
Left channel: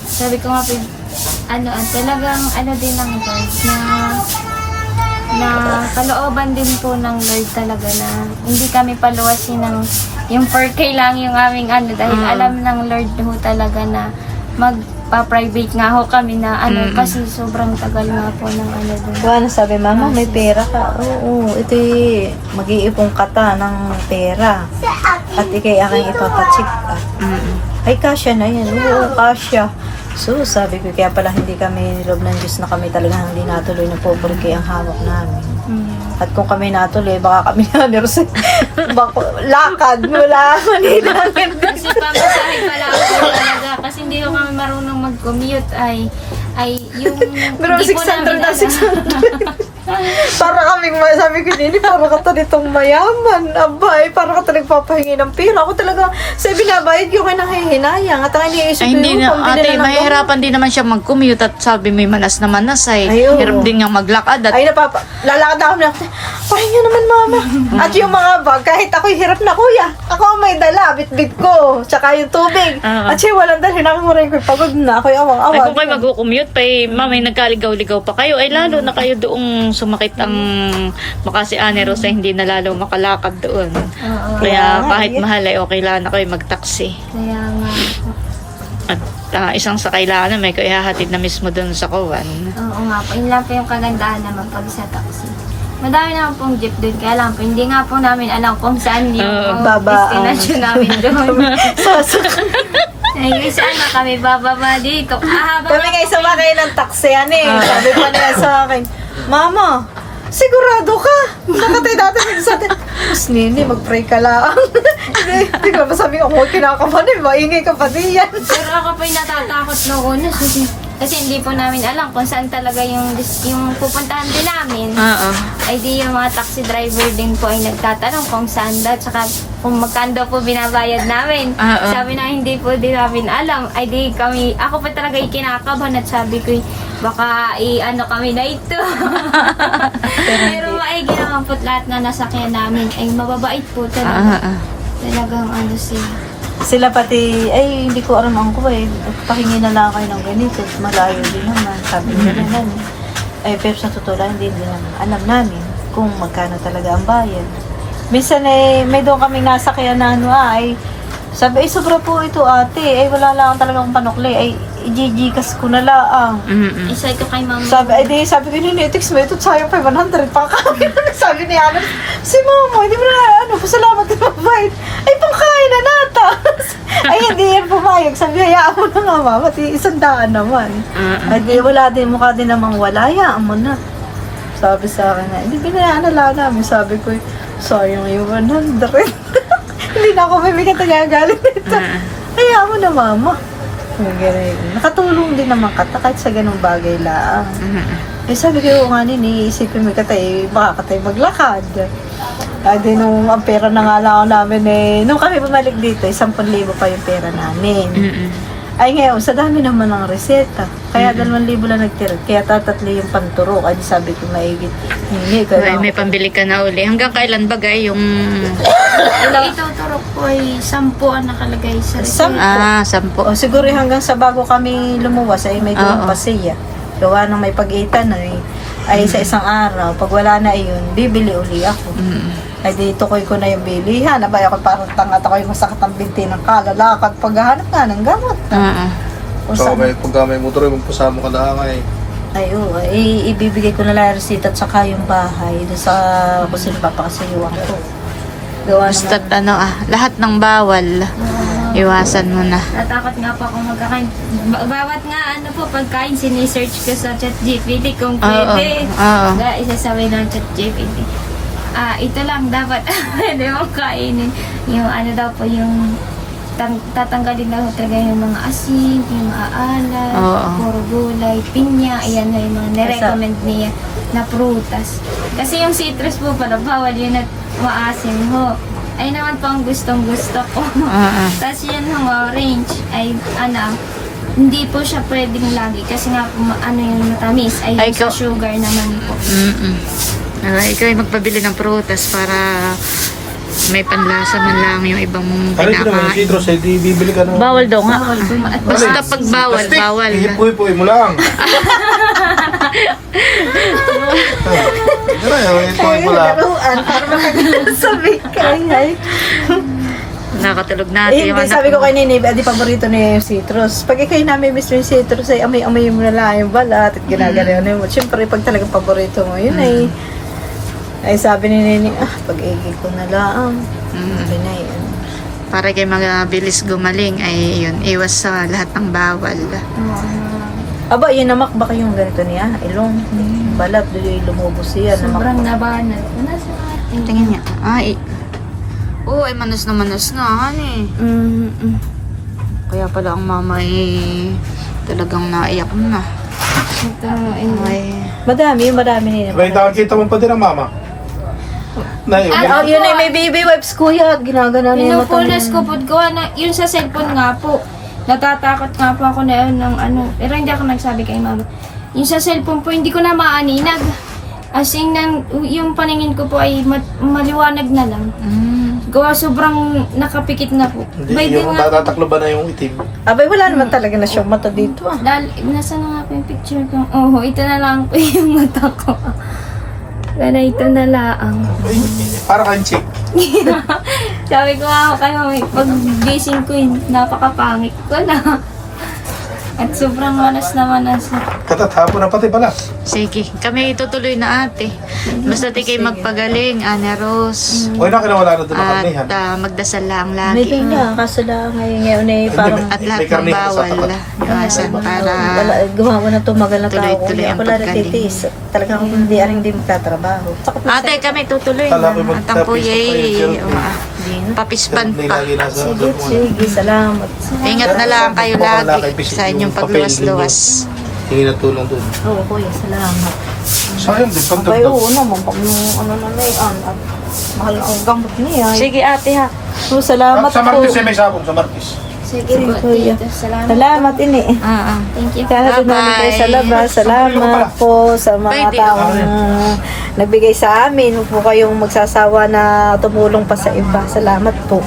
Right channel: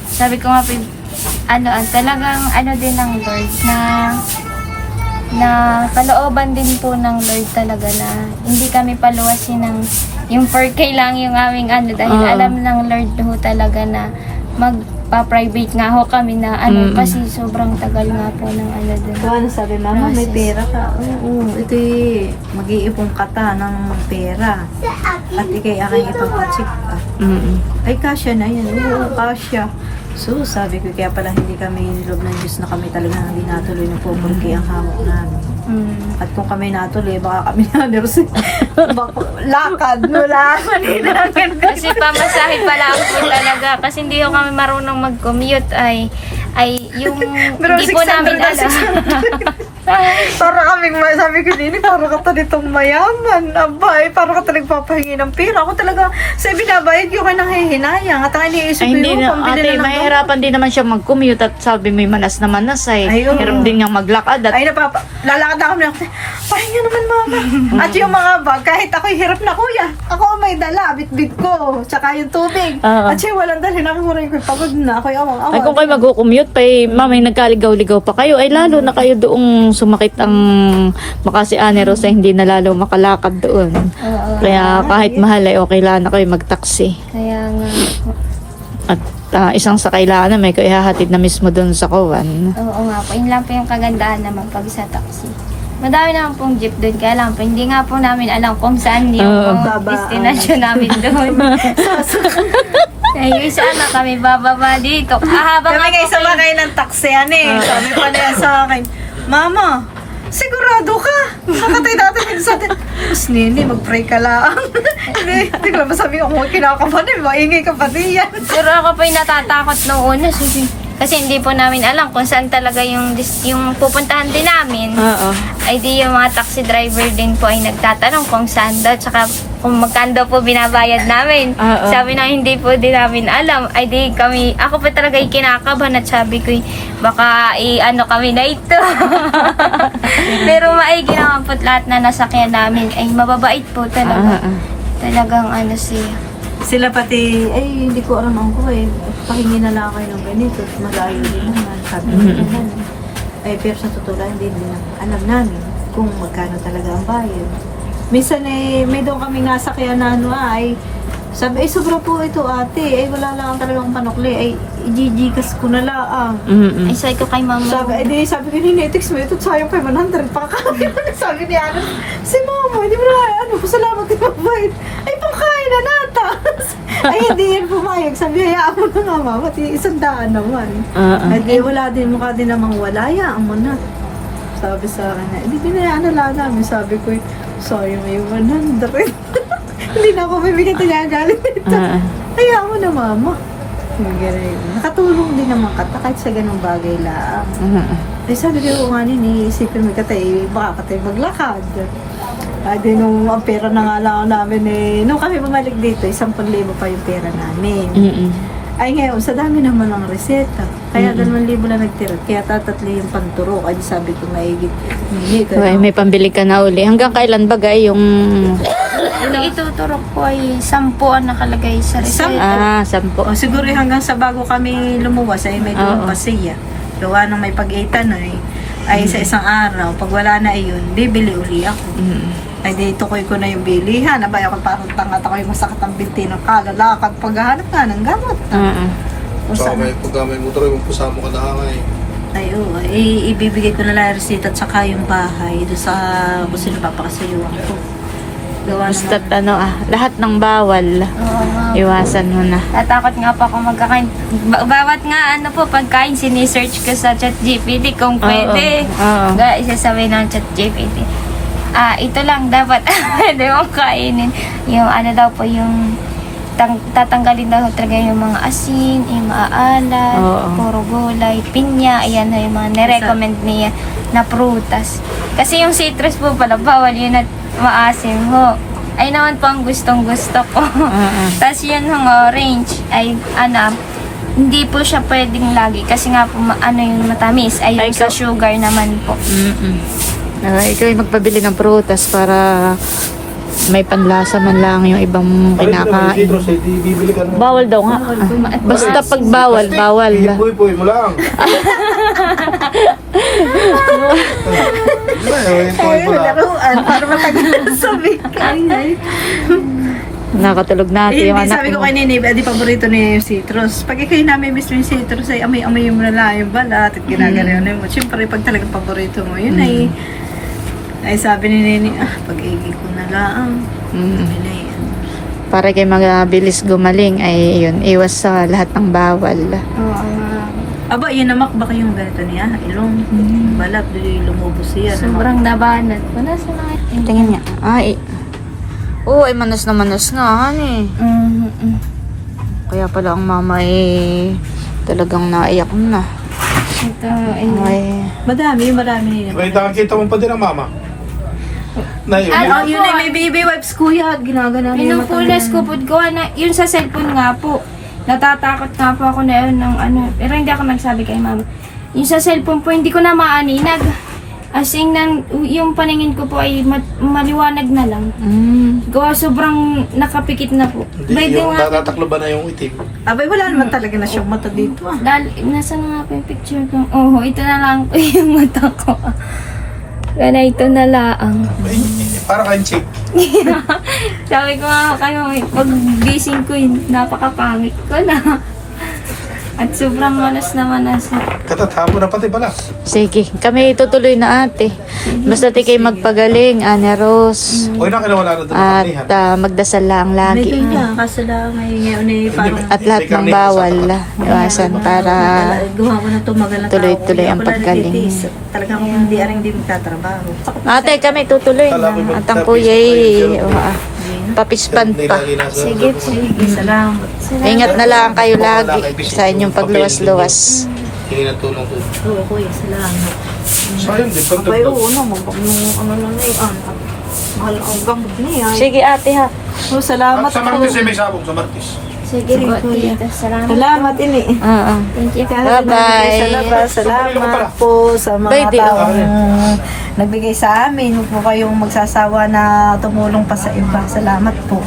sabi ko nga po, talagang ano din ng Lord na kalooban din po ng Lord talaga na hindi kami paluwasin ng yung 4K lang yung aming dahil alam ng Lord ho talaga na magpa-private nga ho kami na kasi sobrang tagal nga po ng doon. Ano sabi, mama, may pera ka. Oo, ito mag-iipong kata ng pera. At ikay aking ipapacheck up. Ay, kasya na yan. Oo, kasya. So, sabi ko, kaya pala hindi kami niloob ng Diyos na kami talagang hindi natuloy na po porque ang hamok namin. At kung kami natuloy, baka kami namin lakad mula Manila. Kasi pamasahe pala ako talaga kasi hindi ko kami marunong mag-commute ay yung Pero hindi po 600 namin na 600. Para kaming, sabi ko din, para ka talagang mayaman. Abay, para ka talagang papahingi ng pera. Ako talaga, sa binabayad yung kay nanghihinayang. At ang iniisip Ay, hindi na, pambili ate, na ng mahirapan din naman siya mag-commute at sabi may manas na manas ay Ay, oo. hirap din niyang maglakad at Ay, lalakad na kami. Pahinga naman, mama. At yung mga bag, kahit ako'y hirap na, kuya. Ako ang may dala, bitbit ko. Tsaka yung tubig. Oo. At yung walang dalhin ako mo rin ko. Pagod na, ako'y awang-awang. Ay kung kayo mag-commute pa mami nagkaligaw-ligaw pa kayo, ay lalo na kayo doong sumakit ang Makasi Ane Rosa, hindi na lalo makalakad doon. Oo. Kaya kahit mahal ay okay lang na kayo mag-taxi. Kaya nga po. At isang sakay lang na may kaihahatid na mismo doon sa Kawan. Oo nga po. Yun lang po yung kagandahan naman pag sa taxi. Madami naman pong jeep doon. Kaya lang po, hindi nga po namin alam kung saan yung babaan. destination namin doon. Yung isa na kami bababa dito. Habang Kami kayo sabakay ng taxi, Sabi pa niya sa akin, Mama, sigurado ka. Nakatay natin sa atin. Mas Nini, mag-pray ka lang. Hindi ko masabi ko, kinakabahan maingay ka pa din yan. Pero ako pa yung natatakot noong una. Kasi hindi po namin alam kung saan talaga yung pupuntahan din namin. Oo. Ay di yung mga taxi driver din po ay nagtatanong kung saan daw. Tsaka kung magkano daw po binabayad namin. Oo. Sabi na hindi po din namin alam. Ay di kami, ako pa talaga yung kinakabahan at sabi ko baka i-ano kami na ito. Pero maigi naman po lahat na nasakyan namin. Ay mababait po talaga. Talagang ano siya. Sila pati, ay hindi ko alam ang ko pahingi na lang kayo ng ganito. Malayo din naman. Sabi nila naman. Pero sa totoo lang, hindi na alam namin kung magkano talaga ang bayad. Minsan may doon kaming nasakyan na sabi, sobra po ito ate. Wala lang talagang panukli. I-gigikas ko na lang. Ay sabi ko kay Ma'am. Sabi ko, Ninetix mo ito, sayang 500 pa kami. Sabi ni Alan, si Mama, hindi mo na, pasalamat din mabait. Ay, pangkain na nata. Ay, hindi yan pumayag. Sabi, hayaan mo na nga, Mama, 100 naman. Ay, wala din, mukha din namang wala, hayaan mo na. Sabi sa akin na, hindi binayaan na lang namin. Sabi ko, sayang yung 100. Hindi na ako mabigat na gagalit nito. Hayaan mo na, Mama. Nakatulong din naman kata kahit sa ganung bagay lang. Sabi ko nga iisipin mo katay, baka katay maglakad. Di nung ang pera na nga lang namin nung kami bumalik dito, 10,000 pa yung pera namin. Ay ngayon, sa dami naman ng reseta. Kaya 2,000 lang nagtira. Kaya tatatlo yung panturo. Ay sabi ko maigit. Ay, may pambili ka na uli. Hanggang kailan ba yung... Ituturo ko ay 10 ang nakalagay sa reseta. 10. O siguro hanggang sa bago kami lumuwas ay may doon pa siya. Gawa ng may pag-itan ay sa isang araw. Pag wala na yun, bibili uli ako. Ay dito ko na yung bilihan. Abay ako parang tangat ako yung sakit ang binti ng kalalakad paghahanap nga ng gamot. O So, saan? pag may motor, magpasama ka na kay. Ay oo, ibibigay ko na lang yung resita at saka yung bahay doon sa kung sino papakasayuan ko. Gawa Basta't naman. lahat ng bawal. Iwasan mo na. Natakot nga po akong magkakain. Bawat nga pagkain, sinisearch ko sa ChatGPT kung pwede. Oo. Isasabi ng ChatGPT. Ito lang dapat pwede mong kainin. Yung daw po yung tatanggalin daw talaga yung mga asin, yung maalat, Oo. puro gulay, pinya, ayan na yung mga nirecommend niya na prutas. Kasi yung citrus po pala, bawal yun at maasim ho. Ay naman po ang gustong gusto ko. Tapos yan yung orange, ay hindi po siya pwedeng lagi kasi nga po yung matamis, ay yung sa sugar naman po. Ikaw ay magpabili ng prutas para may panlasa man lang yung ibang kinakain. Citrus, di bibili ka ng... Bawal daw nga. Basta pag bawal, bawal. Ipuy-puy mo lang. Ay, pala. Para matagal sabi ka. Nakatulog natin yung Hindi, anak sabi ko mo. kay Nini, paborito niya yung citrus. Pag ikay namin mismo yung citrus, ay amay-amay mo na lang yung balat at ginagalayan mo. Siyempre, pag talagang paborito mo, yun ay sabi ni Nini, pag-igil ko na lang. Sabi na yun. Para kayo mabilis gumaling ay yun, iwas sa lahat ng bawal. Aba, yun namak ba kayong ganito niya? Ilong, balat, lumubos siya. Sobrang nabanat ko na sa Tingin niya. Ay. Oo, ay manas na manas nga, honey. Kaya pala ang mama ay talagang naiyak na. Ay. Madami nila. May kita mo pa din ang mama. Yun ay may baby wipes kuya. Ginagana niya yung mata Pinupulas ko po yun sa cellphone nga po. Natatakot nga po ako na yun ng pero hindi ako nagsabi kay mama. Yung sa cellphone po, hindi ko na maaninag. As in, yung paningin ko po ay maliwanag na lang. Gawa sobrang nakapikit na po. By Hindi, the yung way, tataklo ba na yung itim? Abay, wala naman talaga na siyang mata dito. nasa na nga po yung picture ko. Oh, ito na lang po yung mata ko. Kaya ito na lang. Para kang chick. Sabi ko nga kayo, pag gising ko, napakapangit ko na. At sobrang malas na malas. Tatatapo na pati balas. Sige, kami tutuloy na ate. Basta di kayo magpagaling, Ane Rose. Huwag na kinawala na doon ang At karnihan. magdasal lang May lagi. na, kaso lang ngayon eh, parang At lahat ng bawal, iwasan para gawa ko na tumagal na tuloy-tuloy ang paggaling. Talagang hindi aring din magtatrabaho. ate kami tutuloy na. At ang kuya papispan pa. Sige, sige. Salamat. Ingat na lang kayo lagi sa inyong pagluwas-luwas. Hindi na tulong doon. Oo, kuya, salamat. Sayang din, pag Ay, oo naman, pag ano na yun, mahal na ang gamot niya. Sige ate ha. So, salamat Sa po. Marquis ay may sabong, sa Marquis. Sige po, kuya. tita. Salamat. Salamat, ini. Thank you. Bye-bye. Salamat po sa mga Pwede. taong nagbigay sa amin. Huwag po kayong magsasawa na tumulong pa sa iba. Salamat po.